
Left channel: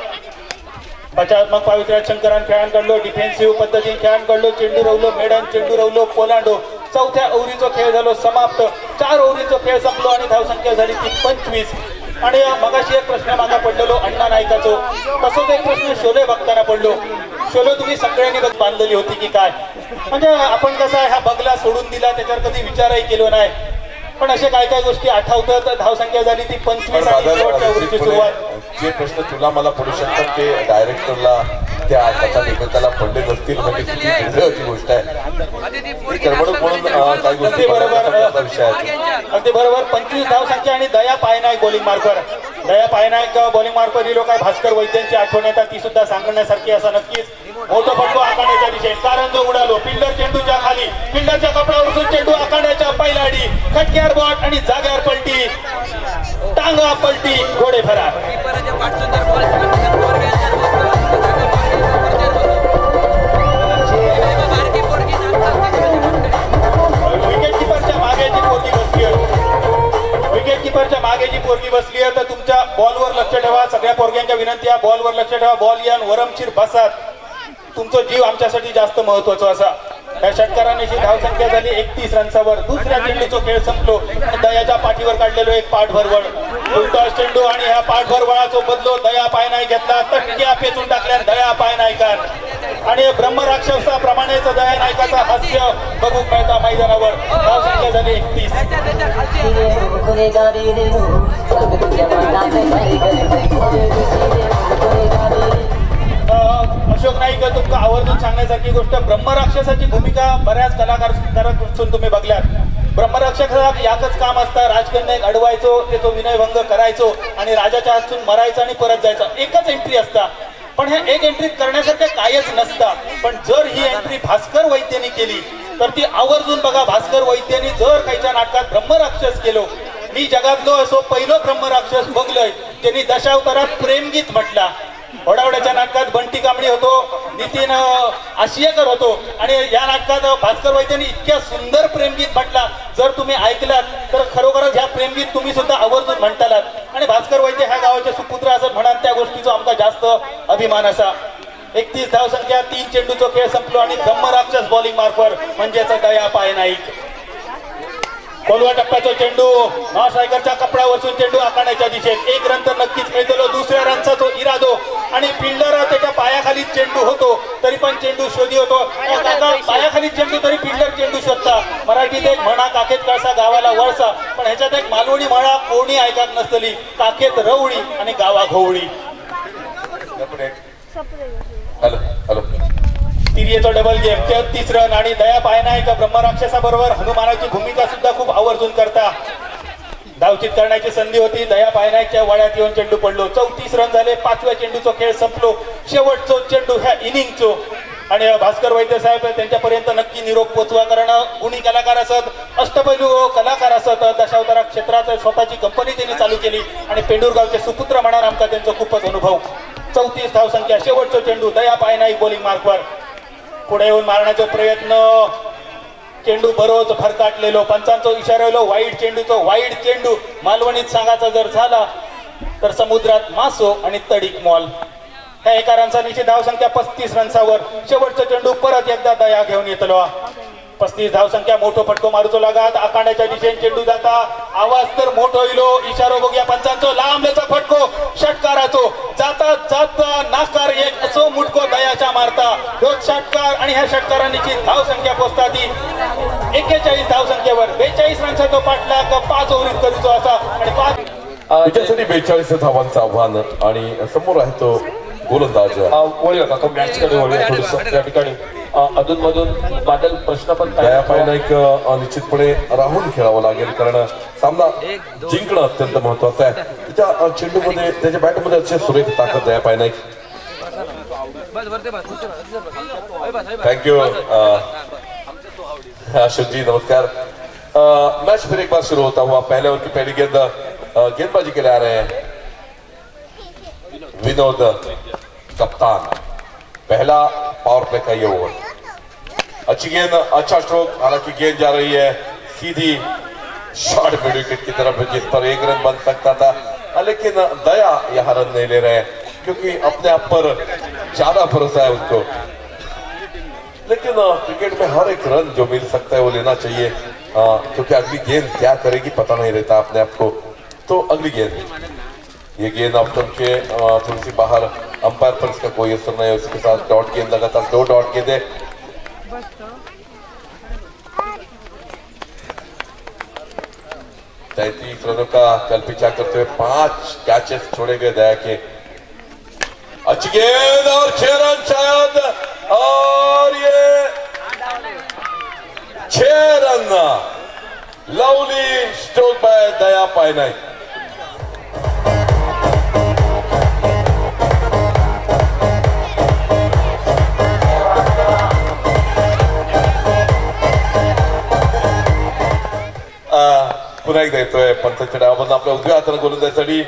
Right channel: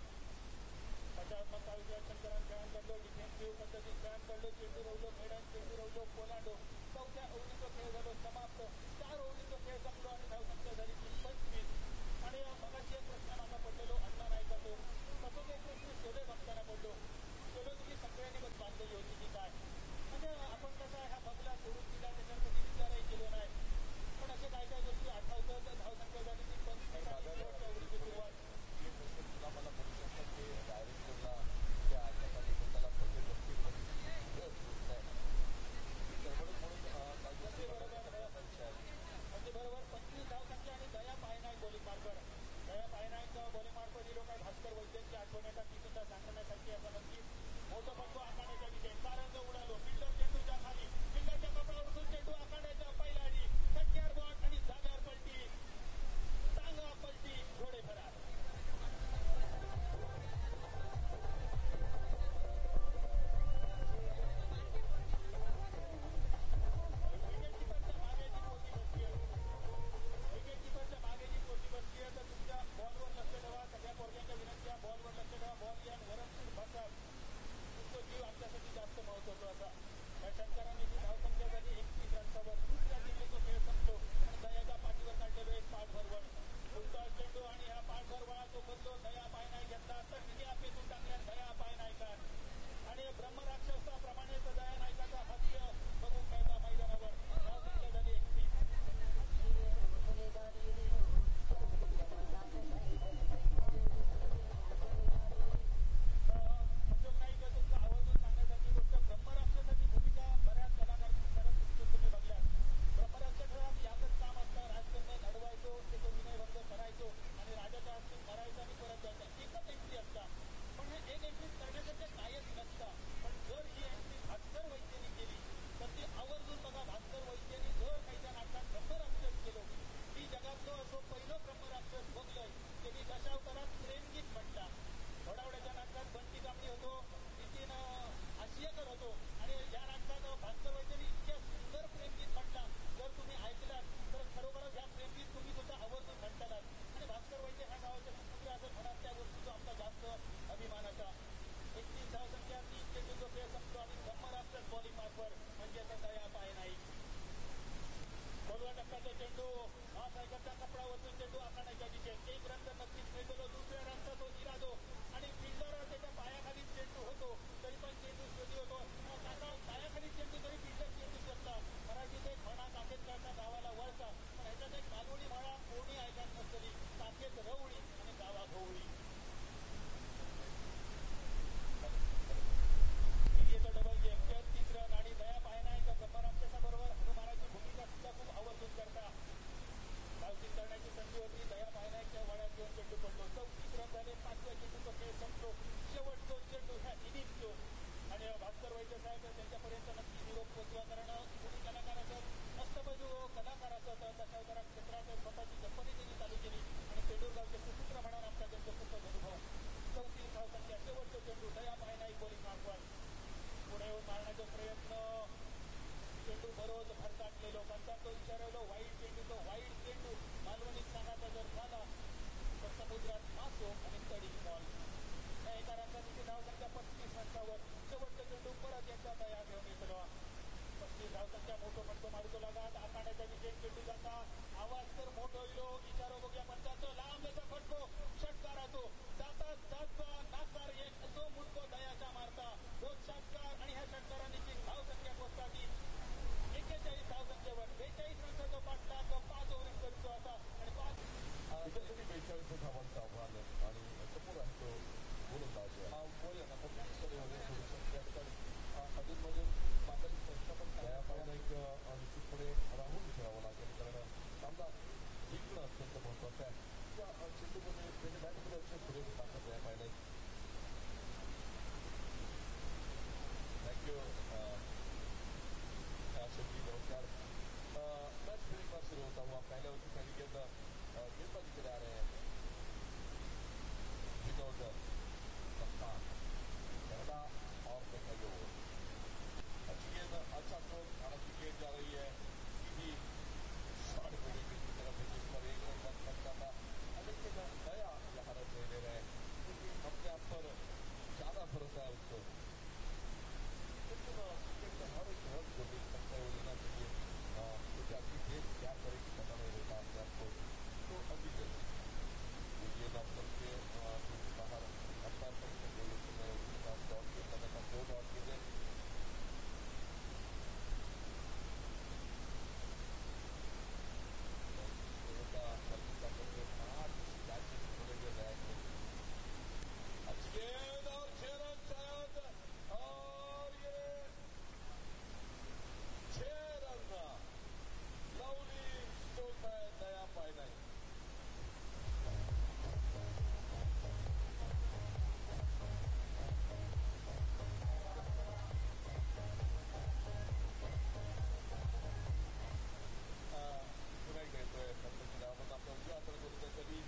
बचावात्मक पावित्र्यात शंकरान खेळांकडलो, डिफेन्सिव्ह पद्धतीने खेळांकडलो, चेंडू रवलो, मेडन चेंडू रवलो, पोलांडो. चौथ्या ओव्हरीचा खेळ झालो समाप्त. 4 ओव्हरीचा खेळ संपलो आणि धावसंख्या झाली ती 25. आणि मगाशी एक प्रश्न मागा पडलेलो अण्णा नायकाचो, तसंच एक प्रश्न शोले बघताना पडलो. शोले तुम्ही सगळ्यांनी बांधलेली होती की काय? म्हणजे आपण कसं आहे, हा बगला सोडून दिला त्याच्यावर कधी विचारही केलो नाही, पण असे काय काय गोष्टी आठवतात. धावसंख्या झाली ती 25 आणि शेवटच्या ओव्हरीची सुरुवात. जे प्रश्न तुला मला पडू शकतात ते डायरेक्टरला त्या कथालेखकाला पडले नसतील, म्हणजे किती दुर्दैवाची गोष्ट आहे. करमणूक म्हणून काही गोष्टी बरोबर विषय आहे. अगदी बरोबर. 25 धावसंख्या आणि दया पायनायक बॉलिंग मार्कर. दया पायनायक बॉलिंग मार्कर ही लोक भास्कर वैद्यांची आठवण येतात, ती सुद्धा सांगण्यासारखी. असं नक्कीच मोठं फटको आखाड्याच्या दिशेने, कारण जो उडालो फिल्डर चेंडूच्या खाली, फिल्डरच्या कपड्यावर चेंडू आखाड्याच्या पैलाडी, खटक्यावर बॉट आणि जाग्यावर पलटी, टांगा पलटी, घोडे फरार. विकेटकीपरच्या मागे जी पोरगी बसली आहे तर तुमच्या बॉलवर लक्ष ठेवा. सगळ्या पोरग्यांच्या विनंती आहे, बॉलवर लक्ष ठेवा. बॉल यान वरमशीर बसात. तुमचा जीव आमच्यासाठी जास्त महत्वाचा असा. या षटकाराने जी धावसंख्या झाली 31 रनसावर. दुसऱ्या चेंडूचा खेळ संपलो आणि दयाच्या पाठीवर काढलेलो एक पाठभरवळ, फुलटॉस चेंडू आणि ह्या पाठभरवळाचा बदलो दया पायनाय घेतला. तटक्या पेचून टाकल्या दया पायनायकार आणि ब्रह्मराक्षसाप्रमाणेच दया नायकाचा हास्य बघू मिळता मैदानावर. धावसंख्या झाली 31. अशोक नाईक, तुमका आवर्जून सांगण्यासारखी गोष्ट, ब्रह्मराक्षसाची भूमिका बऱ्याच कलाकारांपासून तुम्ही बघल्यात. ब्रह्मराक्षसाला याकच काम असतं, राजकन्या अडवायचो, त्याचा विनयभंग करायचो आणि राजाच्या हातून मरायचं आणि परत जायचं. एकच एंट्री असता, पण ह्या एक एंट्री करण्यासारखं कायच नसता. पण जर ही एंट्री भास्कर वैद्यांनी केली तर ती आवर्जून बघा. भास्कर वैद्यांनी जर काहीच्या नाटकात ब्रह्मराक्षस केलो, मी जगातलो असो पहिलो ब्रह्मराक्षस बघलोय त्यांनी दशावतारात प्रेमगीत म्हटला. ओढावड्याच्या नाटकात बंटी कांबळी होतो, नितीन आशियाकर होतो आणि या नाटकात भास्कर वैद्यांनी इतक्या सुंदर प्रेमगीत म्हटला. जर तुम्ही ऐकलात तर खरोखरच ह्या प्रेमगीत तुम्ही सुद्धा आवर्जून म्हणतालात. आणि भास्कर वैद्य ह्या गावाचे सुपुत्र असं म्हणाल, त्या गोष्टीचा आमचा जास्त अभिमान असा. 31 धावसंख्या, 3 चेंडूचा खेळ संपलो आणि ब्रह्मराक्षस बॉलिंग मार्फर म्हणजेच दया पायनाईक. खोलवा टप्प्याचा चेंडू, महासायकरच्या कपड्यावरसून चेंडू आखाड्याच्या दिशेने, 1 रन तर नक्कीच मिळतो. दुसऱ्या रनचा तो इरादो आणि फिल्डर त्याच्या पायाखाली चेंडू होतो तरी पण चेंडू शोधी होतो. पायाखाली चेंडू तरी फिल्डर चेंडू शोधता. मराठीत एक म्हणा, काखेत कळसा गावाला वळसा, पण ह्याच्यात एक मालवणी म्हणा कोणी ऐकत नसतली, काखेत रवळी आणि गावा घोवळी. तिरियेचा डबल गेम, 33 रन आणि दया पायनायक ब्रह्मराक्षसाबरोबर हनुमानाची भूमिका सुद्धा खूप आवर्जून करता. धावचित करण्याची संधी होती, दया पायनायकच्या वळ्यात येऊन चेंडू पडलो. 34 रन झाले. 5व्या चेंडूचा खेळ संपलो. शेवटचो चेंडू ह्या इनिंगचो आणि भास्कर वैद्य साहेब त्यांच्यापर्यंत नक्की निरोप पोचवा, कारण गुणी कलाकार असत, अष्टपैलू कलाकार असत. दशावतारा क्षेत्रात स्वतःची कंपनी त्यांनी चालू केली आणि पेंडूरगावचे सुपुत्र म्हणा आमका त्यांचा खूपच अनुभव. 34 धावसंख्या, शेवटचा चेंडू दया पायनाईक बॉलिंग मार्कवर. पुढे येऊन मारण्याचा प्रयत्न, चेंडू बरोच भरकाटलेलो, पंचांचा इशारा, वाईट चेंडूचं वाईट चेंडू. मालवणीत सांगायचा जर झाला तर समुद्रात मासो आणि तडीक मॉल. ह्या एका रनचा निश्चित धावसंख्या 35 रनसावर. शेवटचा चेंडू परत एकदा दया घेऊन येतलो. 35 धावसंख्या, मोठो फटको मारूचो लागात. आखाड्याच्या दिशेने चेंडू जाता, आवाज तर मोठो इलो, इशारो बघूया पंचांचो, लांबलेचा फटको षटकाराचो, जाता जाता नाकार एक असो मुटको दयाच्या मारता. रोज षटकार आणि ह्या षटकारांची धावसंख्या पोचता ती 41 धावसंख्येवर. 42 रनचा तो पाठलाग 5 ओव्हरीत करूचो असा आणि 5 त्याच्यासाठी 42 धावांचं आव्हान आणि समोर आहे तो गोलंदाज. वळूया काका मॅचकडे वळूया थोडंसं. त्या ठिकाणी अधूनमधून बादल प्रश्न पण दया पायनाईक निश्चितपणे राहून खेळावं लागेल, कारण सामना जिंकणं अत्यंत महत्वाचं आहे. त्याच्या चेंडूमध्ये, त्याच्या बॅटमध्ये अतिशय सुरेख ताकद दया पायनाईक. थैंक यू अशोक जी, नमस्कार। मैच फिर एक बार शुरू होता हुआ, पहले ओवर की पहली गेंद गेंदबाजी के लिए आ रहे हैं विनोद कप्तान। पहला पावर प्ले का ये ओवर, अच्छी गेंद, अच्छा स्ट्रोक, हालांकि गेंद जा रही है सीधी शॉर्ट मिड विकेट की तरफ, जिस पर एक रन बन सकता था, लेकिन दया यहाँ रन नहीं ले रहे हैं क्योंकि अपने आप पर ज्यादा भरोसा है उनको। लेकिन क्रिकेट में हर एक रन जो मिल सकता है वो लेना चाहिए, क्योंकि अगली गेंद क्या करेगी पता नहीं रहता अपने आप को। तो अगली गेंद, ये गेंद ऑप्शन के थोड़ी सी बाहर, अंपायर पर इसका कोई असर नहीं है। उसके साथ डॉट गेंद, लगातार 2 डॉट गेंदे। 33 रनों का कल पीछा करते हुए 5 कैचेस छोड़े गए दया के। अच्छी गेंद और 6 रन शायद, और ये 6 रन। लवली स्ट्रोक बाय दया पायनाई। पुन्हा एकदा येतोय पंथाच्या डावामधून आपल्या उजव्या हाताने गोलंदाजीसाठी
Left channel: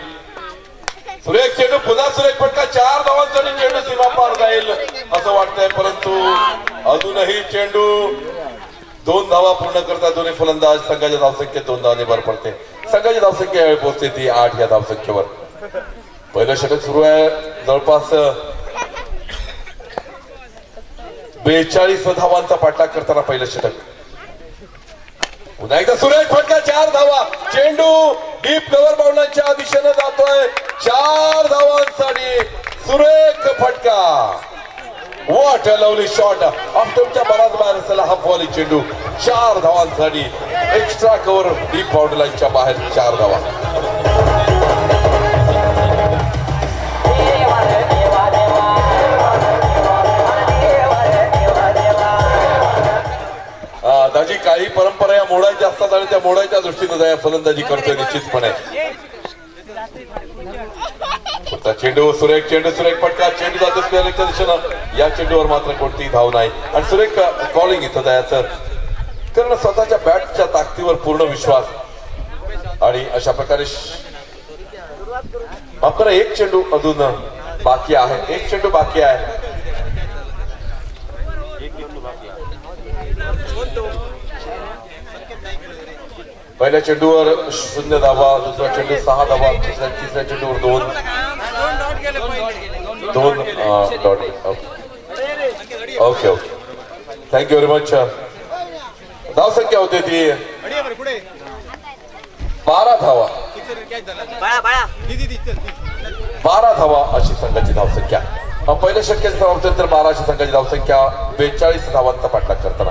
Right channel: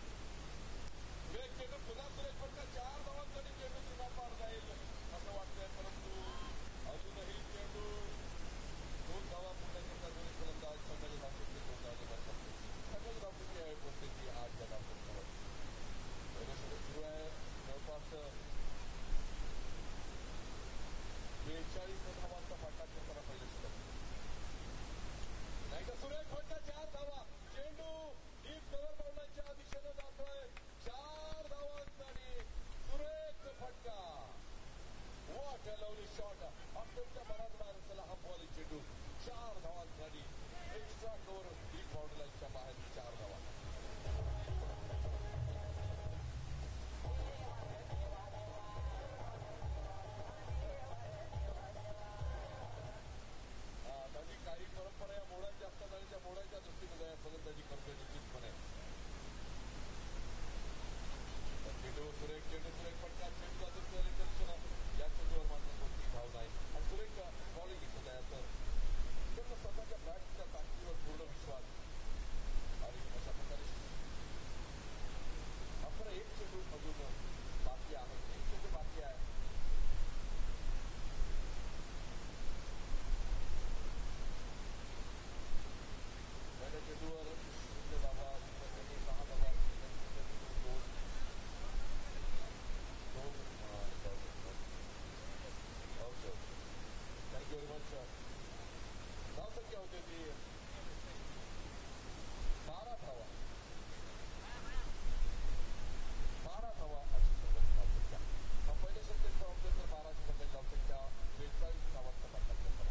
सुरेख चेंडू, पुन्हा सुरेख फटका, 4 धावांसाठी चेंडू सीमा पार जाईल असं वाटतंय, परंतु अजूनही चेंडू 2 धावा पूर्ण करतात दोन्ही फलंदाज। संघाच्या धावसंख्येत 2 धावांनी भर पडते। संघाची धावसंख्या यावेळी पोहोचते ती 8 या धावसंख्येवर। पहिलं षटक सुरू आहे, जवळपास 42 धावांचा पाठलाग करताना पहिलं षटक। पुन्हा एकदा सुरेख फटका, 4 धावा, चेंडू डीप कव्हर बाउंडरीच्या दिशेने जातोय, 4 धावांसाठी सुरेख फटका। व्हॉट अ लवली शॉट, ऑफ्टमच्या बराच बाहेर असलेला हा बॉल चेंडू, 4 धावांसाठी एक्स्ट्रा कव्हर डीप बाउंडरीच्या बाहेर 4 धावा। दाजी, काही परंपरा या मोडायच्या असतात आणि त्या मोडायच्या दृष्टीने दया फलंदाजी करतोय निश्चितपणे। चेंडू सुरेख, चेंडू सुरेख फटका, चेंडू जातो स्क्वेअरच्या दिशेनं, या चेंडूवर मात्र कोणतीही धाव नाही आणि सुरेख कॉलिंग इथं दयाचं, कारण स्वतःच्या बॅटच्या ताकदीवर पूर्ण विश्वास। आणि अशा प्रकारे मात्र एक चेंडू अजून बाकी आहे, एक चेंडू बाकी आहे। पहिल्या चेंडूवर 0 धावा, दुसरा चेंडू 6 धावा, तिसऱ्या चेंडूवर 2 dot. Okay okay, thank you very much. धावसंख्या होते ती 12 धावा, 12 धावा अशी संघाची धावसंख्या। पहिल्या षटकाच्या धावांतर 12 अशी संघाची धावसंख्या, 42 धावांचा पाठलाग करताना।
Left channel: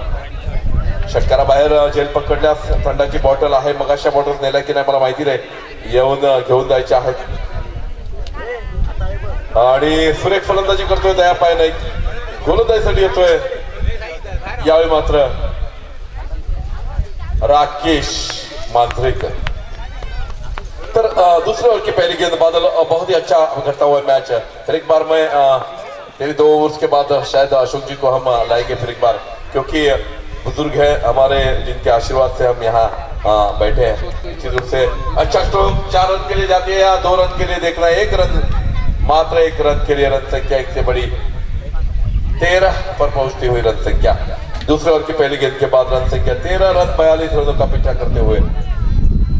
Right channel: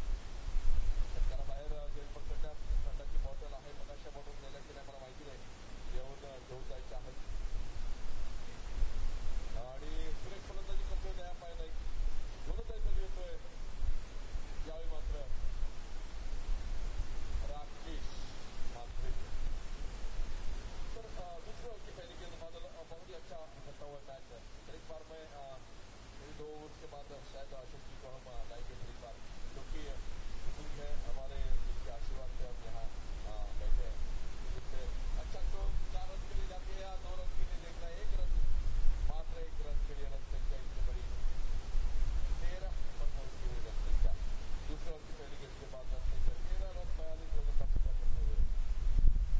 षटकाराबाहेर झेल पकडल्यास थंडाची बॉटल आहे, मग अशा बॉटल नेल्या की नाही मला माहिती नाही, येऊन घेऊन जायच्या आहेत। आणि सुरेख फलंदाजी करतोय दया पायनाई, गोलंदाजीसाठी येतोय यावेळी मात्र राकेश मांजरेकर। तर दूसरे ओवर की पहली गेंद बादल, बहुत ही अच्छा करता हुआ मैच है। फिर एक बार मैं मेरी 2 ओवर्स के बाद शायद अशोक जी को हम लाएंगे फिर एक बार, क्योंकि बुजुर्ग है हमारे, जिनके आशीर्वाद से हम यहाँ बैठे हैं। निश्चित रूप से अच्छा स्ट्रोक, 4 रन के लिए जाती है या 2 रन के लिए देखना है, 1 रन, मात्र 1 रन के लिए रन संख्या 1 से बड़ी 13 पर पहुंचती हुई रन संख्या। दूसरे ओवर की पहली गेंद के बाद रन संख्या 13 रन 42 रनों का पीछा करते हुए।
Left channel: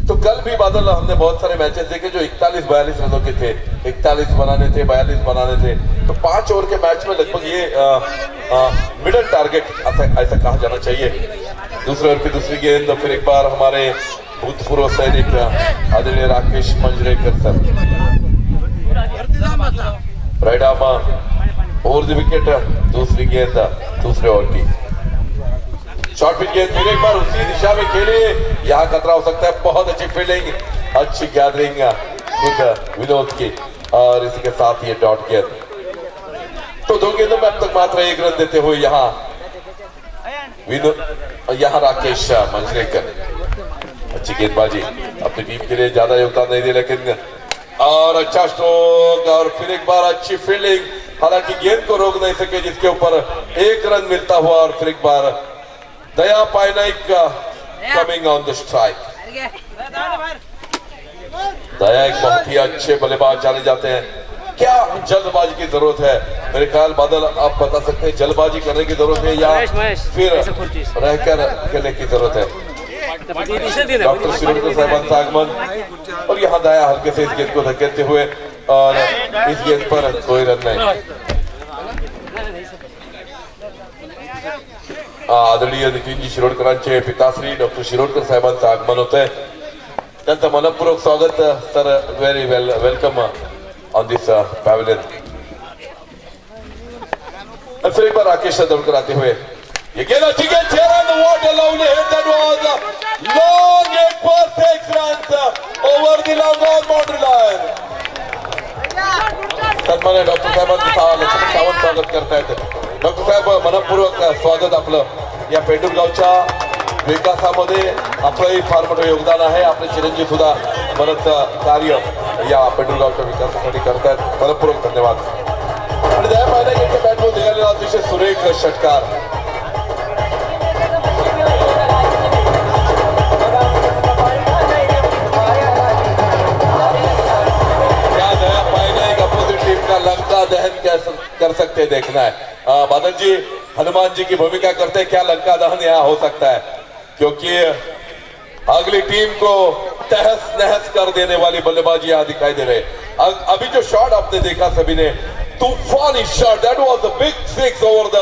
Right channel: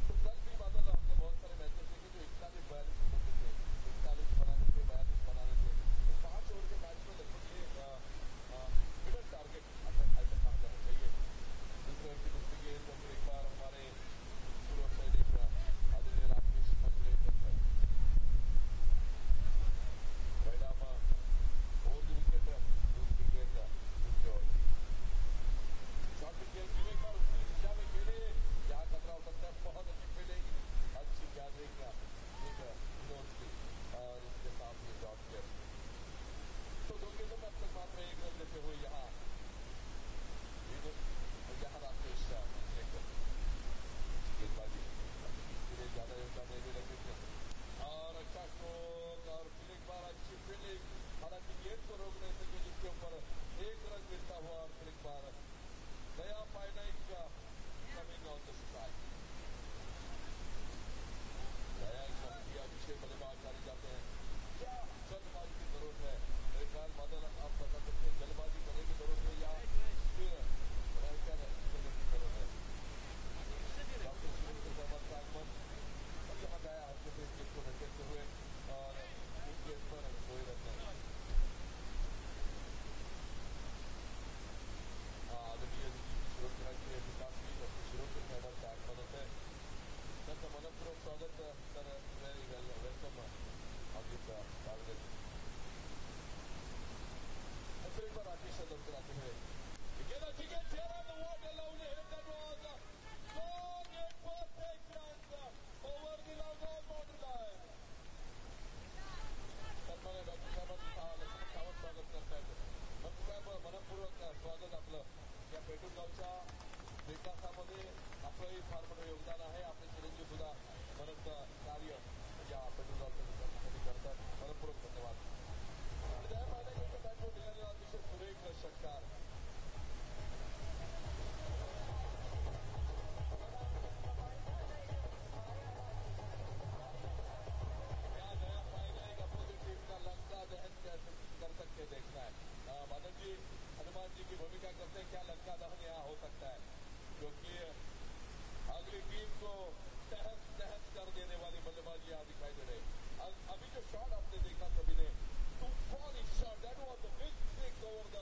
तो कल भी बादल हमने बहुत सारे मैचेस देखे जो 41-42 रनों के थे, 41 बनाने थे, 42 बनाने थे। तो 5 ओवर के मैच में लगभग ये मिडल टारगेट ऐसा कहा जाना चाहिए। दूसरे ओवर की दूसरी गेंद, फिर एक बार हमारे भूतपूर्व सैनिक आदरणीय Rakesh Manjrekar sir, right arm over the wicket. दूसरी गेंद दूसरे ओवर की शॉर्ट पिच गेंद, फिर एक बार उसी दिशा में खेले, यहाँ खतरा हो सकता है। बहुत अच्छी फील्डिंग, अच्छी गैदरिंग खुद विनोद की, और इसी के साथ ये डॉट गेंद। तो 2 गेंदों में अब तक मात्र 1 रन देते हुए यहाँ राकेश मंजरेकर। अच्छी गेंदबाजी, अपनी टीम के लिए ज्यादा योगदान नहीं दिया, लेकिन और अच्छा स्ट्रोक, और फिर एक बार अच्छी फील्डिंग, हालांकि गेंद को रोक नहीं सके, जिसके ऊपर 1 रन मिलता हुआ और फिर एक बार दया पायनाइक कमिंग ऑन द स्ट्राइक। दया एक बहुत ही अच्छे बल्लेबाज जाने जाते हैं। क्या जल्दबाजी की जरूरत है? मेरे ख्याल बादल आप बता सकते हैं, जल्दबाजी करने की जरूरत है या फिर रहकर खेलने की जरूरत है? डॉक्टर शिरोडकर साहबांचं आगमन और यहाँ दया हल्के से इस गेंद को धकेलते हुए और इस गेंद पर कोई रन नहीं। आदरणीय नितीनजी शिरोडकरांचे पिताश्री डॉक्टर शिरोडकर साहेबांचं आगमन होतंय, त्यांचं मनपूर्वक स्वागत sir, very welcome on this pavilion. फिर एक बार राकेश दौड़कर आते हुए ये गेंद अच्छी गेंद, 6 run, what a lovely hit, that was long end for 6 runs over the long boundary line. सन्मान्य डॉक्टर साहेबांचं लक्ष्मण सावंत स्वागत करतायत। डॉक्टर साहेब मनपूर्वक स्वागत आपलं। या पेंडुरगावच्या विकासामध्ये आपलंही फार मोठं योगदान आहे। आपले चिरंजीव सुद्धा बरंच कार्य या पेंडुरगावच्या विकासासाठी करतायत, मनपूर्वक धन्यवाद। आणि दया पायनाईक यांच्या बॅटवर निघालेला अतिशय सुरेख षटकार। लंका दहन कर सकते देखना है। बादल जी हनुमान जी की भूमिका करते हैं, क्या लंका दहन यहाँ हो सकता है? क्योंकि अगली टीम को तहस नहस कर देने वाली बल्लेबाजी यहाँ दिखाई दे रहे। अभी जो शॉट आपने देखा सभी ने, तूफानी shot, that was a big 6 over the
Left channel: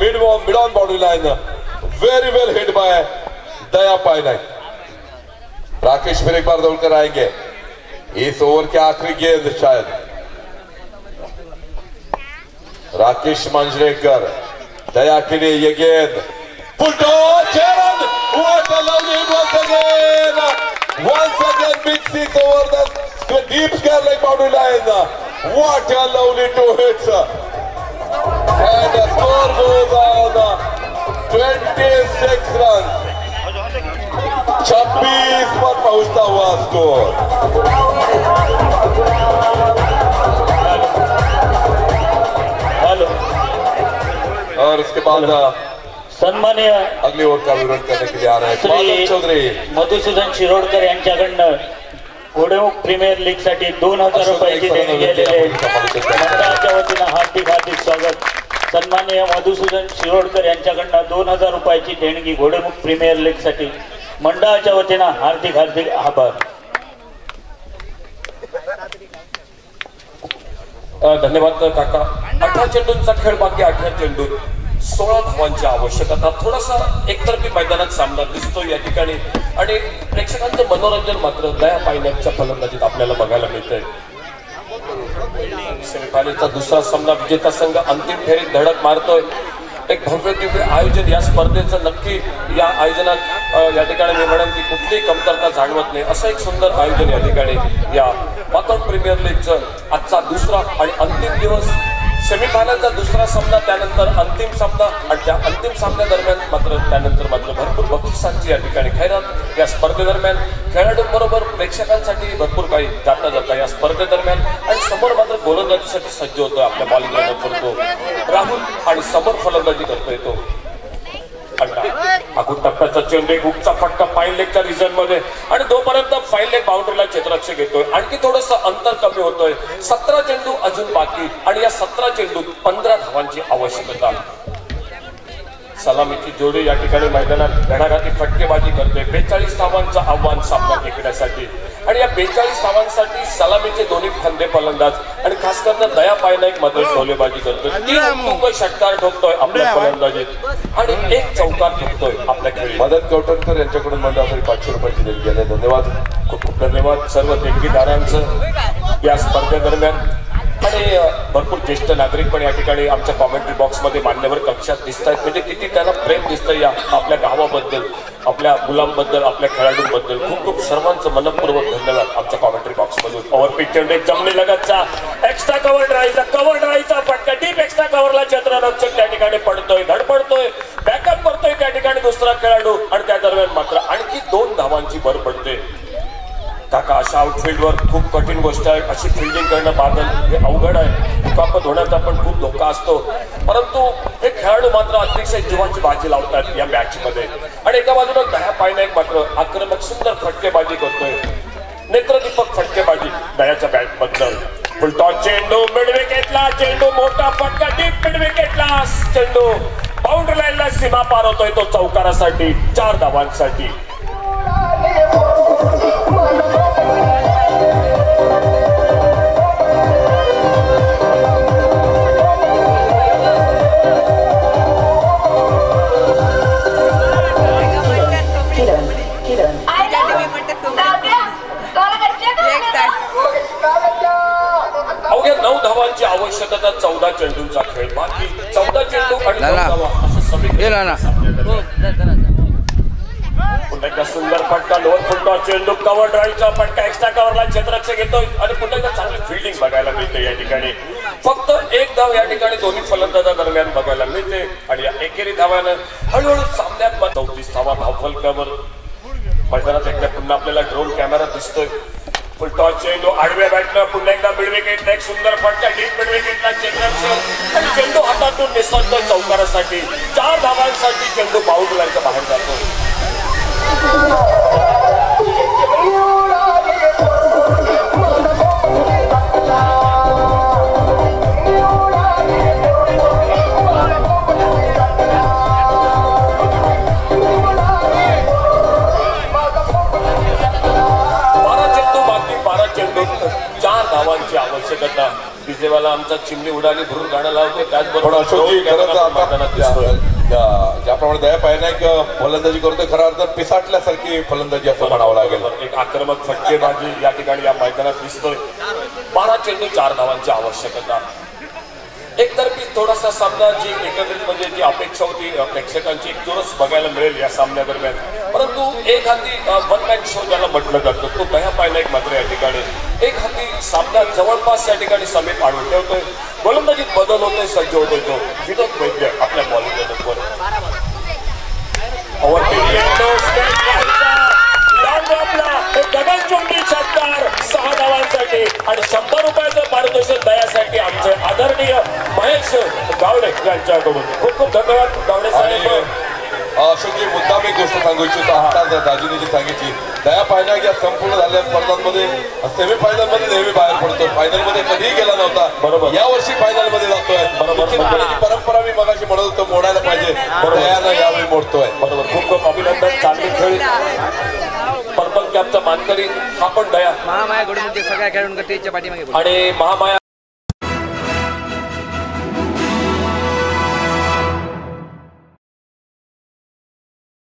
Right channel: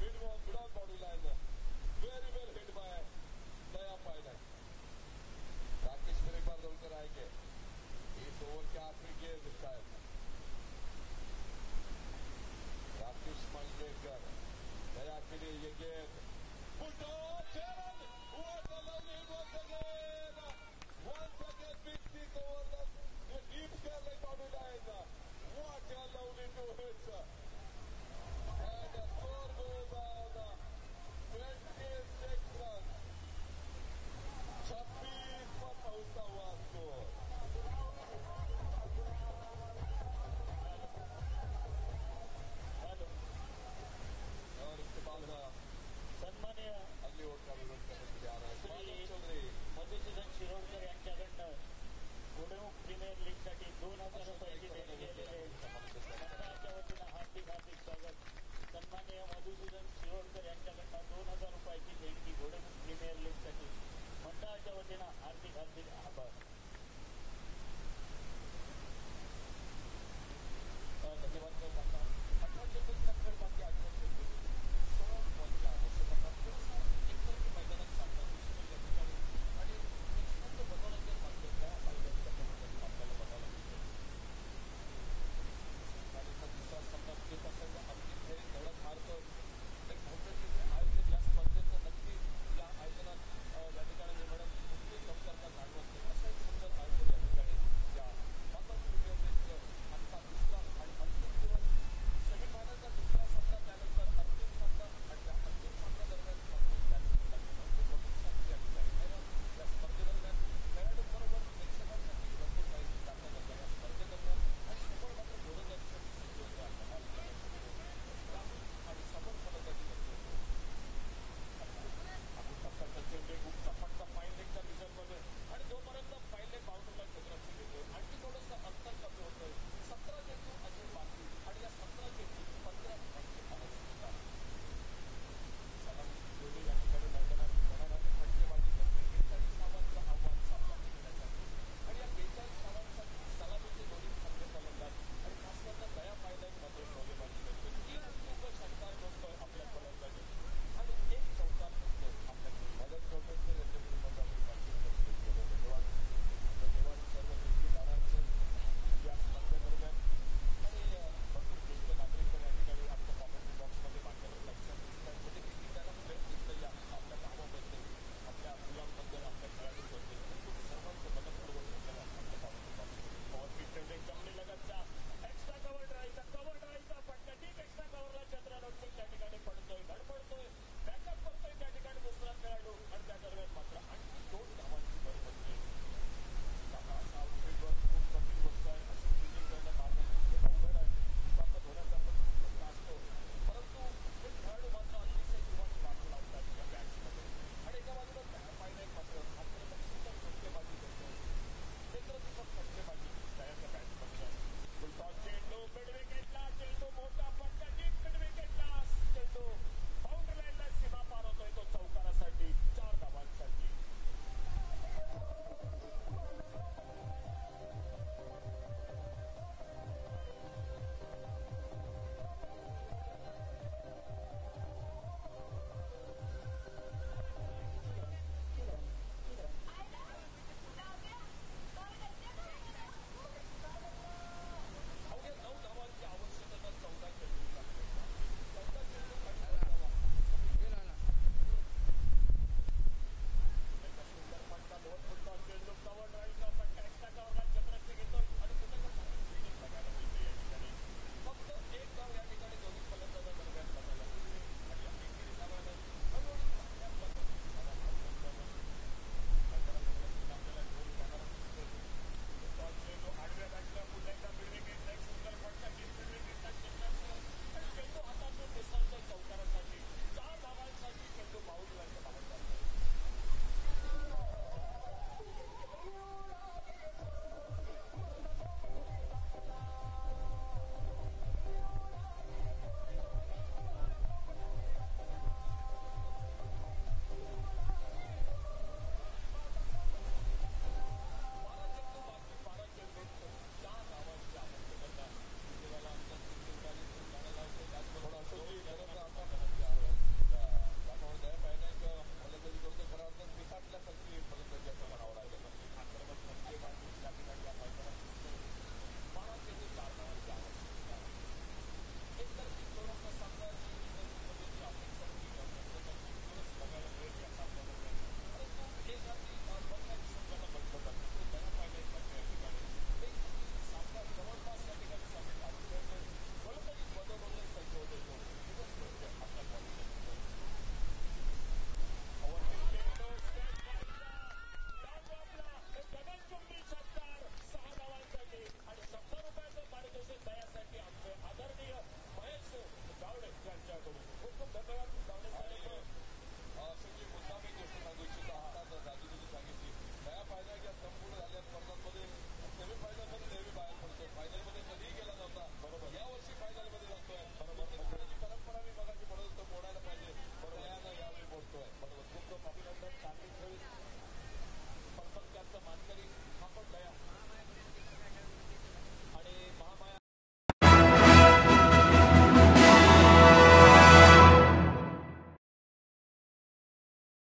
mid on boundary line, very well hit by Daya Patnaik. Rakesh फिर एक बार दौड़कर आएंगे। इस ओवर के आखिरी गेंद शायद राकेश मांजरेकर, दया के लिए ये गेंद फुल toss, 6 run, what a lovely hit once again big 6 over the deep square like boundary line, what a lovely 2 hits and the score goes on 26 runs, 26 पर पहुंचता हुआ स्कोर। और उसके बाद सन्मान्य अगली ओवर का विरोध करने के लिए आ रहे हैं बादल चौधरी। मधुसूदन शिरोडकर यांच्याकडनं घोडेमुख प्रीमियर लीग साठी 2000 रुपयाची देणगी गेलेली आहे। मंडळाच्या वतीनं हार्दिक स्वागत। सन्मान्य मधुसूदन शिरोडकर यांच्याकडनं 2000 रुपयाची देणगी घोडेमुख प्रीमियर लीग साठी मंडळाच्या वतीनं हार्दिक आभार। धन्यवाद काका। 18 चेंडूंचा खेळ बाकी, 18 चेंडू 16 धावांची आवश्यकता। थोडासा एकतर्फी मैदानात सामना दिसतो या ठिकाणी आणि प्रेक्षकांचं मनोरंजन मात्र दया पायनाईकच्या फलंदाजीत आपल्याला बघायला मिळतंय। सेमीफायनलचा दुसरा सामना विजेता संघ अंतिम फेरीत धडक मारतोय। एक भव्य दिव्य आयोजन या स्पर्धेचं नक्की या आयोजनात या ठिकाणी मी म्हणेन की कुठलीही कमतरता जाणवत नाही, असं एक सुंदर आयोजन या ठिकाणी या वॉकआउट प्रीमियर लीगचं आजचा दुसरा आणि अंतिम दिवस। सेमीफायनलचा दुसरा सामना, त्यानंतर अंतिम सामना आणि त्या अंतिम सामन्यादरम्यान त्यानंतर भरपूर बक्षिसांची या ठिकाणी खैरात। या स्पर्धेदरम्यान खेळाडूंबरोबर प्रेक्षकांसाठी भरपूर काही जाता या स्पर्धेदरम्यान आणि समोर मात्र गोलंदाजीसाठी सज्ज होतो। आपल्या बॉलिंग करतो राहुल आणि समोर फलंदाजी करतोय तो अगोदर टप्प्याचा चेंडू, हुकचा फटका फाईन लेगच्या रिजन मध्ये आणि तोपर्यंत फाईन लेग बाउंड्रीला क्षेत्ररक्षक घेतोय। आणखी थोडंसं अंतर कमी होतोय। 17 चेंडू अजून बाकी आणि या 17 चेंडूत 15 धावांची आवश्यकता। सलामीची जोडी या ठिकाणी मैदानात घणाघाती फटकेबाजी करते। 42 धावांचं आव्हान सामना जिंकण्यासाठी आणि या 42 धावांसाठी सलामीचे दोन्ही फंदे फलंदाज आणि खास करून दया पायनाईक मात्र ढोलेबाजी करतोय। 3 उत्तुंग षटकार ठोकतोय आपल्या फलंदाजीत आणि 1 चौकार ठोकतोय आपल्या खेळी। मदन कवटणकर यांच्याकडून मंडळासाठी 500 रुपयाची देणगी आहे। धन्यवाद, खूप खूप धन्यवाद सर्व देणगीदारांचं या स्पर्धेदरम्यान। आणि भरपूर ज्येष्ठ नागरिक पण या ठिकाणी आमच्या कॉमेंट्री बॉक्समध्ये मान्यवर कक्षात दिसत आहेत। म्हणजे किती त्यांना प्रेम दिसतं या आपल्या गावाबद्दल, आपल्या मुलांबद्दल, आपल्या खेळाडूंबद्दल। खूप खूप सर्वांचं मनपूर्वक धन्यवाद आमच्या कॉमेंट्री बॉक्समधून। ओव्हरपिच चेंडू जमले लगतचा एक्स्ट्रा कव्हर ड्राईव्हचा फटका डीप एक्स्ट्रा कव्हरला क्षेत्ररक्षक त्या ठिकाणी पडतोय, धडपडतोय, बॅकअप करतोय त्या ठिकाणी दुसरा खेळाडू आणि त्या दरम्यान मात्र आणखी 2 धावांची भर पडते। काका अशा आउटफील्डवर खूप कठीण गोष्ट आहे. अशी फिल्डिंग करणं बादल हे अवघड आहे. दुखापत होण्याचा पण खूप धोका असतो, परंतु हे खेळाडू मात्र अतिशय जीवाची बाजी लावतात या मॅच मध्ये. आणि एका बाजूला दया पायनाईक मात्र आक्रमक सुंदर फटकेबाजी करतोय. नेत्रदीपक फटकेबाजी दयाच्या बॅट बद्दल. फुलटॉस चेंडू मिड विकेटला, चेंडू मोठा फटका डीप मिड विकेटला, चेंडू बाउंड्री लाईनला सीमा पार होतोय तो चौकारासाठी 4 धावांसाठी. अवघ्या 9 धावांची आवश्यकता 14 चेंडूंचा खेळ. बाकी 14 चेंडू आणि 9 धावा असं समीकरण. पुन्हा एकदा सुंदर फटका लोअर फुलटॉस चेंडू कव्हर ड्राईव्हचा फटका एक्स्ट्रा कव्हरला क्षेत्ररक्षक घेतोय आणि पुन्हा एकदा चांगली फिल्डिंग बघायला मिळते या ठिकाणी. फक्त 1 धाव या ठिकाणी दोन्ही फलंदाजा दरम्यान बघायला मिळते आणि या एकेरी धावानं हळूहळू सामन्यात 34 धावा धावफलकावर. मैदानात एकदा पुन्हा आपल्याला ड्रोन कॅमेरा दिसतोय. फुलटॉस चेंडू आडव्या बॅटनं पुन्हा एकदा मिड विकेटला एक सुंदर फटका डीप मिड विकेटला क्षेत्ररक्षक आणि चेंडू हातातून निसटतो चौकारासाठी. 4 धावांसाठी चेंडू बाउंड्री लाईनच्या बाहेर जातो. आवश्यकता. विजेवाला आमचा चिमणी उडाली भरून गाणं लावतो. त्याचबरोबर ज्याप्रमाणे दया पायनाईक फलंदाजी करतोय खरा अर्थ पिसाटल्यासारखी फलंदाजी असं म्हणावं लागेल. एक आक्रमक फटकेबाजी या ठिकाणी या मैदानात दिसतोय. 12 चेंडू 4 धावांची आवश्यकता. एकतर्फी थोडासा सामना जी एकत्रित म्हणजे जी अपेक्षा होती प्रेक्षकांची एक चोरस बघायला मिळेल या सामन्यादरम्यान, परंतु एक हाती वन मॅन शो ज्याला म्हटलं जातं तो दया पायनाईक मात्र या ठिकाणी एक हाती सामना जवळपास या ठिकाणी समीप आणून ठेवतोय. गोलंदाजीत बदल होतोय, सज्ज होतोय तो विनोद वैद्य आपल्या बॉलिंग गगनचुंबी षटकार 6 धावांसाठी आणि 100 रुपयाचं पारितोषिक दयासाठी आमचे आदरणीय महेश गावडे यांच्याकडून खूप खूप धन्यवाद गावडे साहेब. अशोकजी मुद्दाम एक गोष्ट सांगू इच्छितो. आता दाजीने जी सांगितली दया पायनाईक या संपूर्ण झालेल्या स्पर्धांमध्ये सेमीफायनल मध्ये नेहमी बाहेर पडतो, फायनल मध्ये कधीही गेला नव्हता. बरोबर या वर्षी फायनल मध्ये जातोय. बरोबर परंपरा मी मगाशी म्हणत होतो मोडायला पाहिजे, दयानं यावेळी मोडतोय. बरोबर खूप खूप अभिनंदन. चांगली खेळी. पर्पल कॅपचा मानकरी हा पण दया महामाया घडून सगळ्या खेळाडूंकडे पाठीमागे आणि महामाया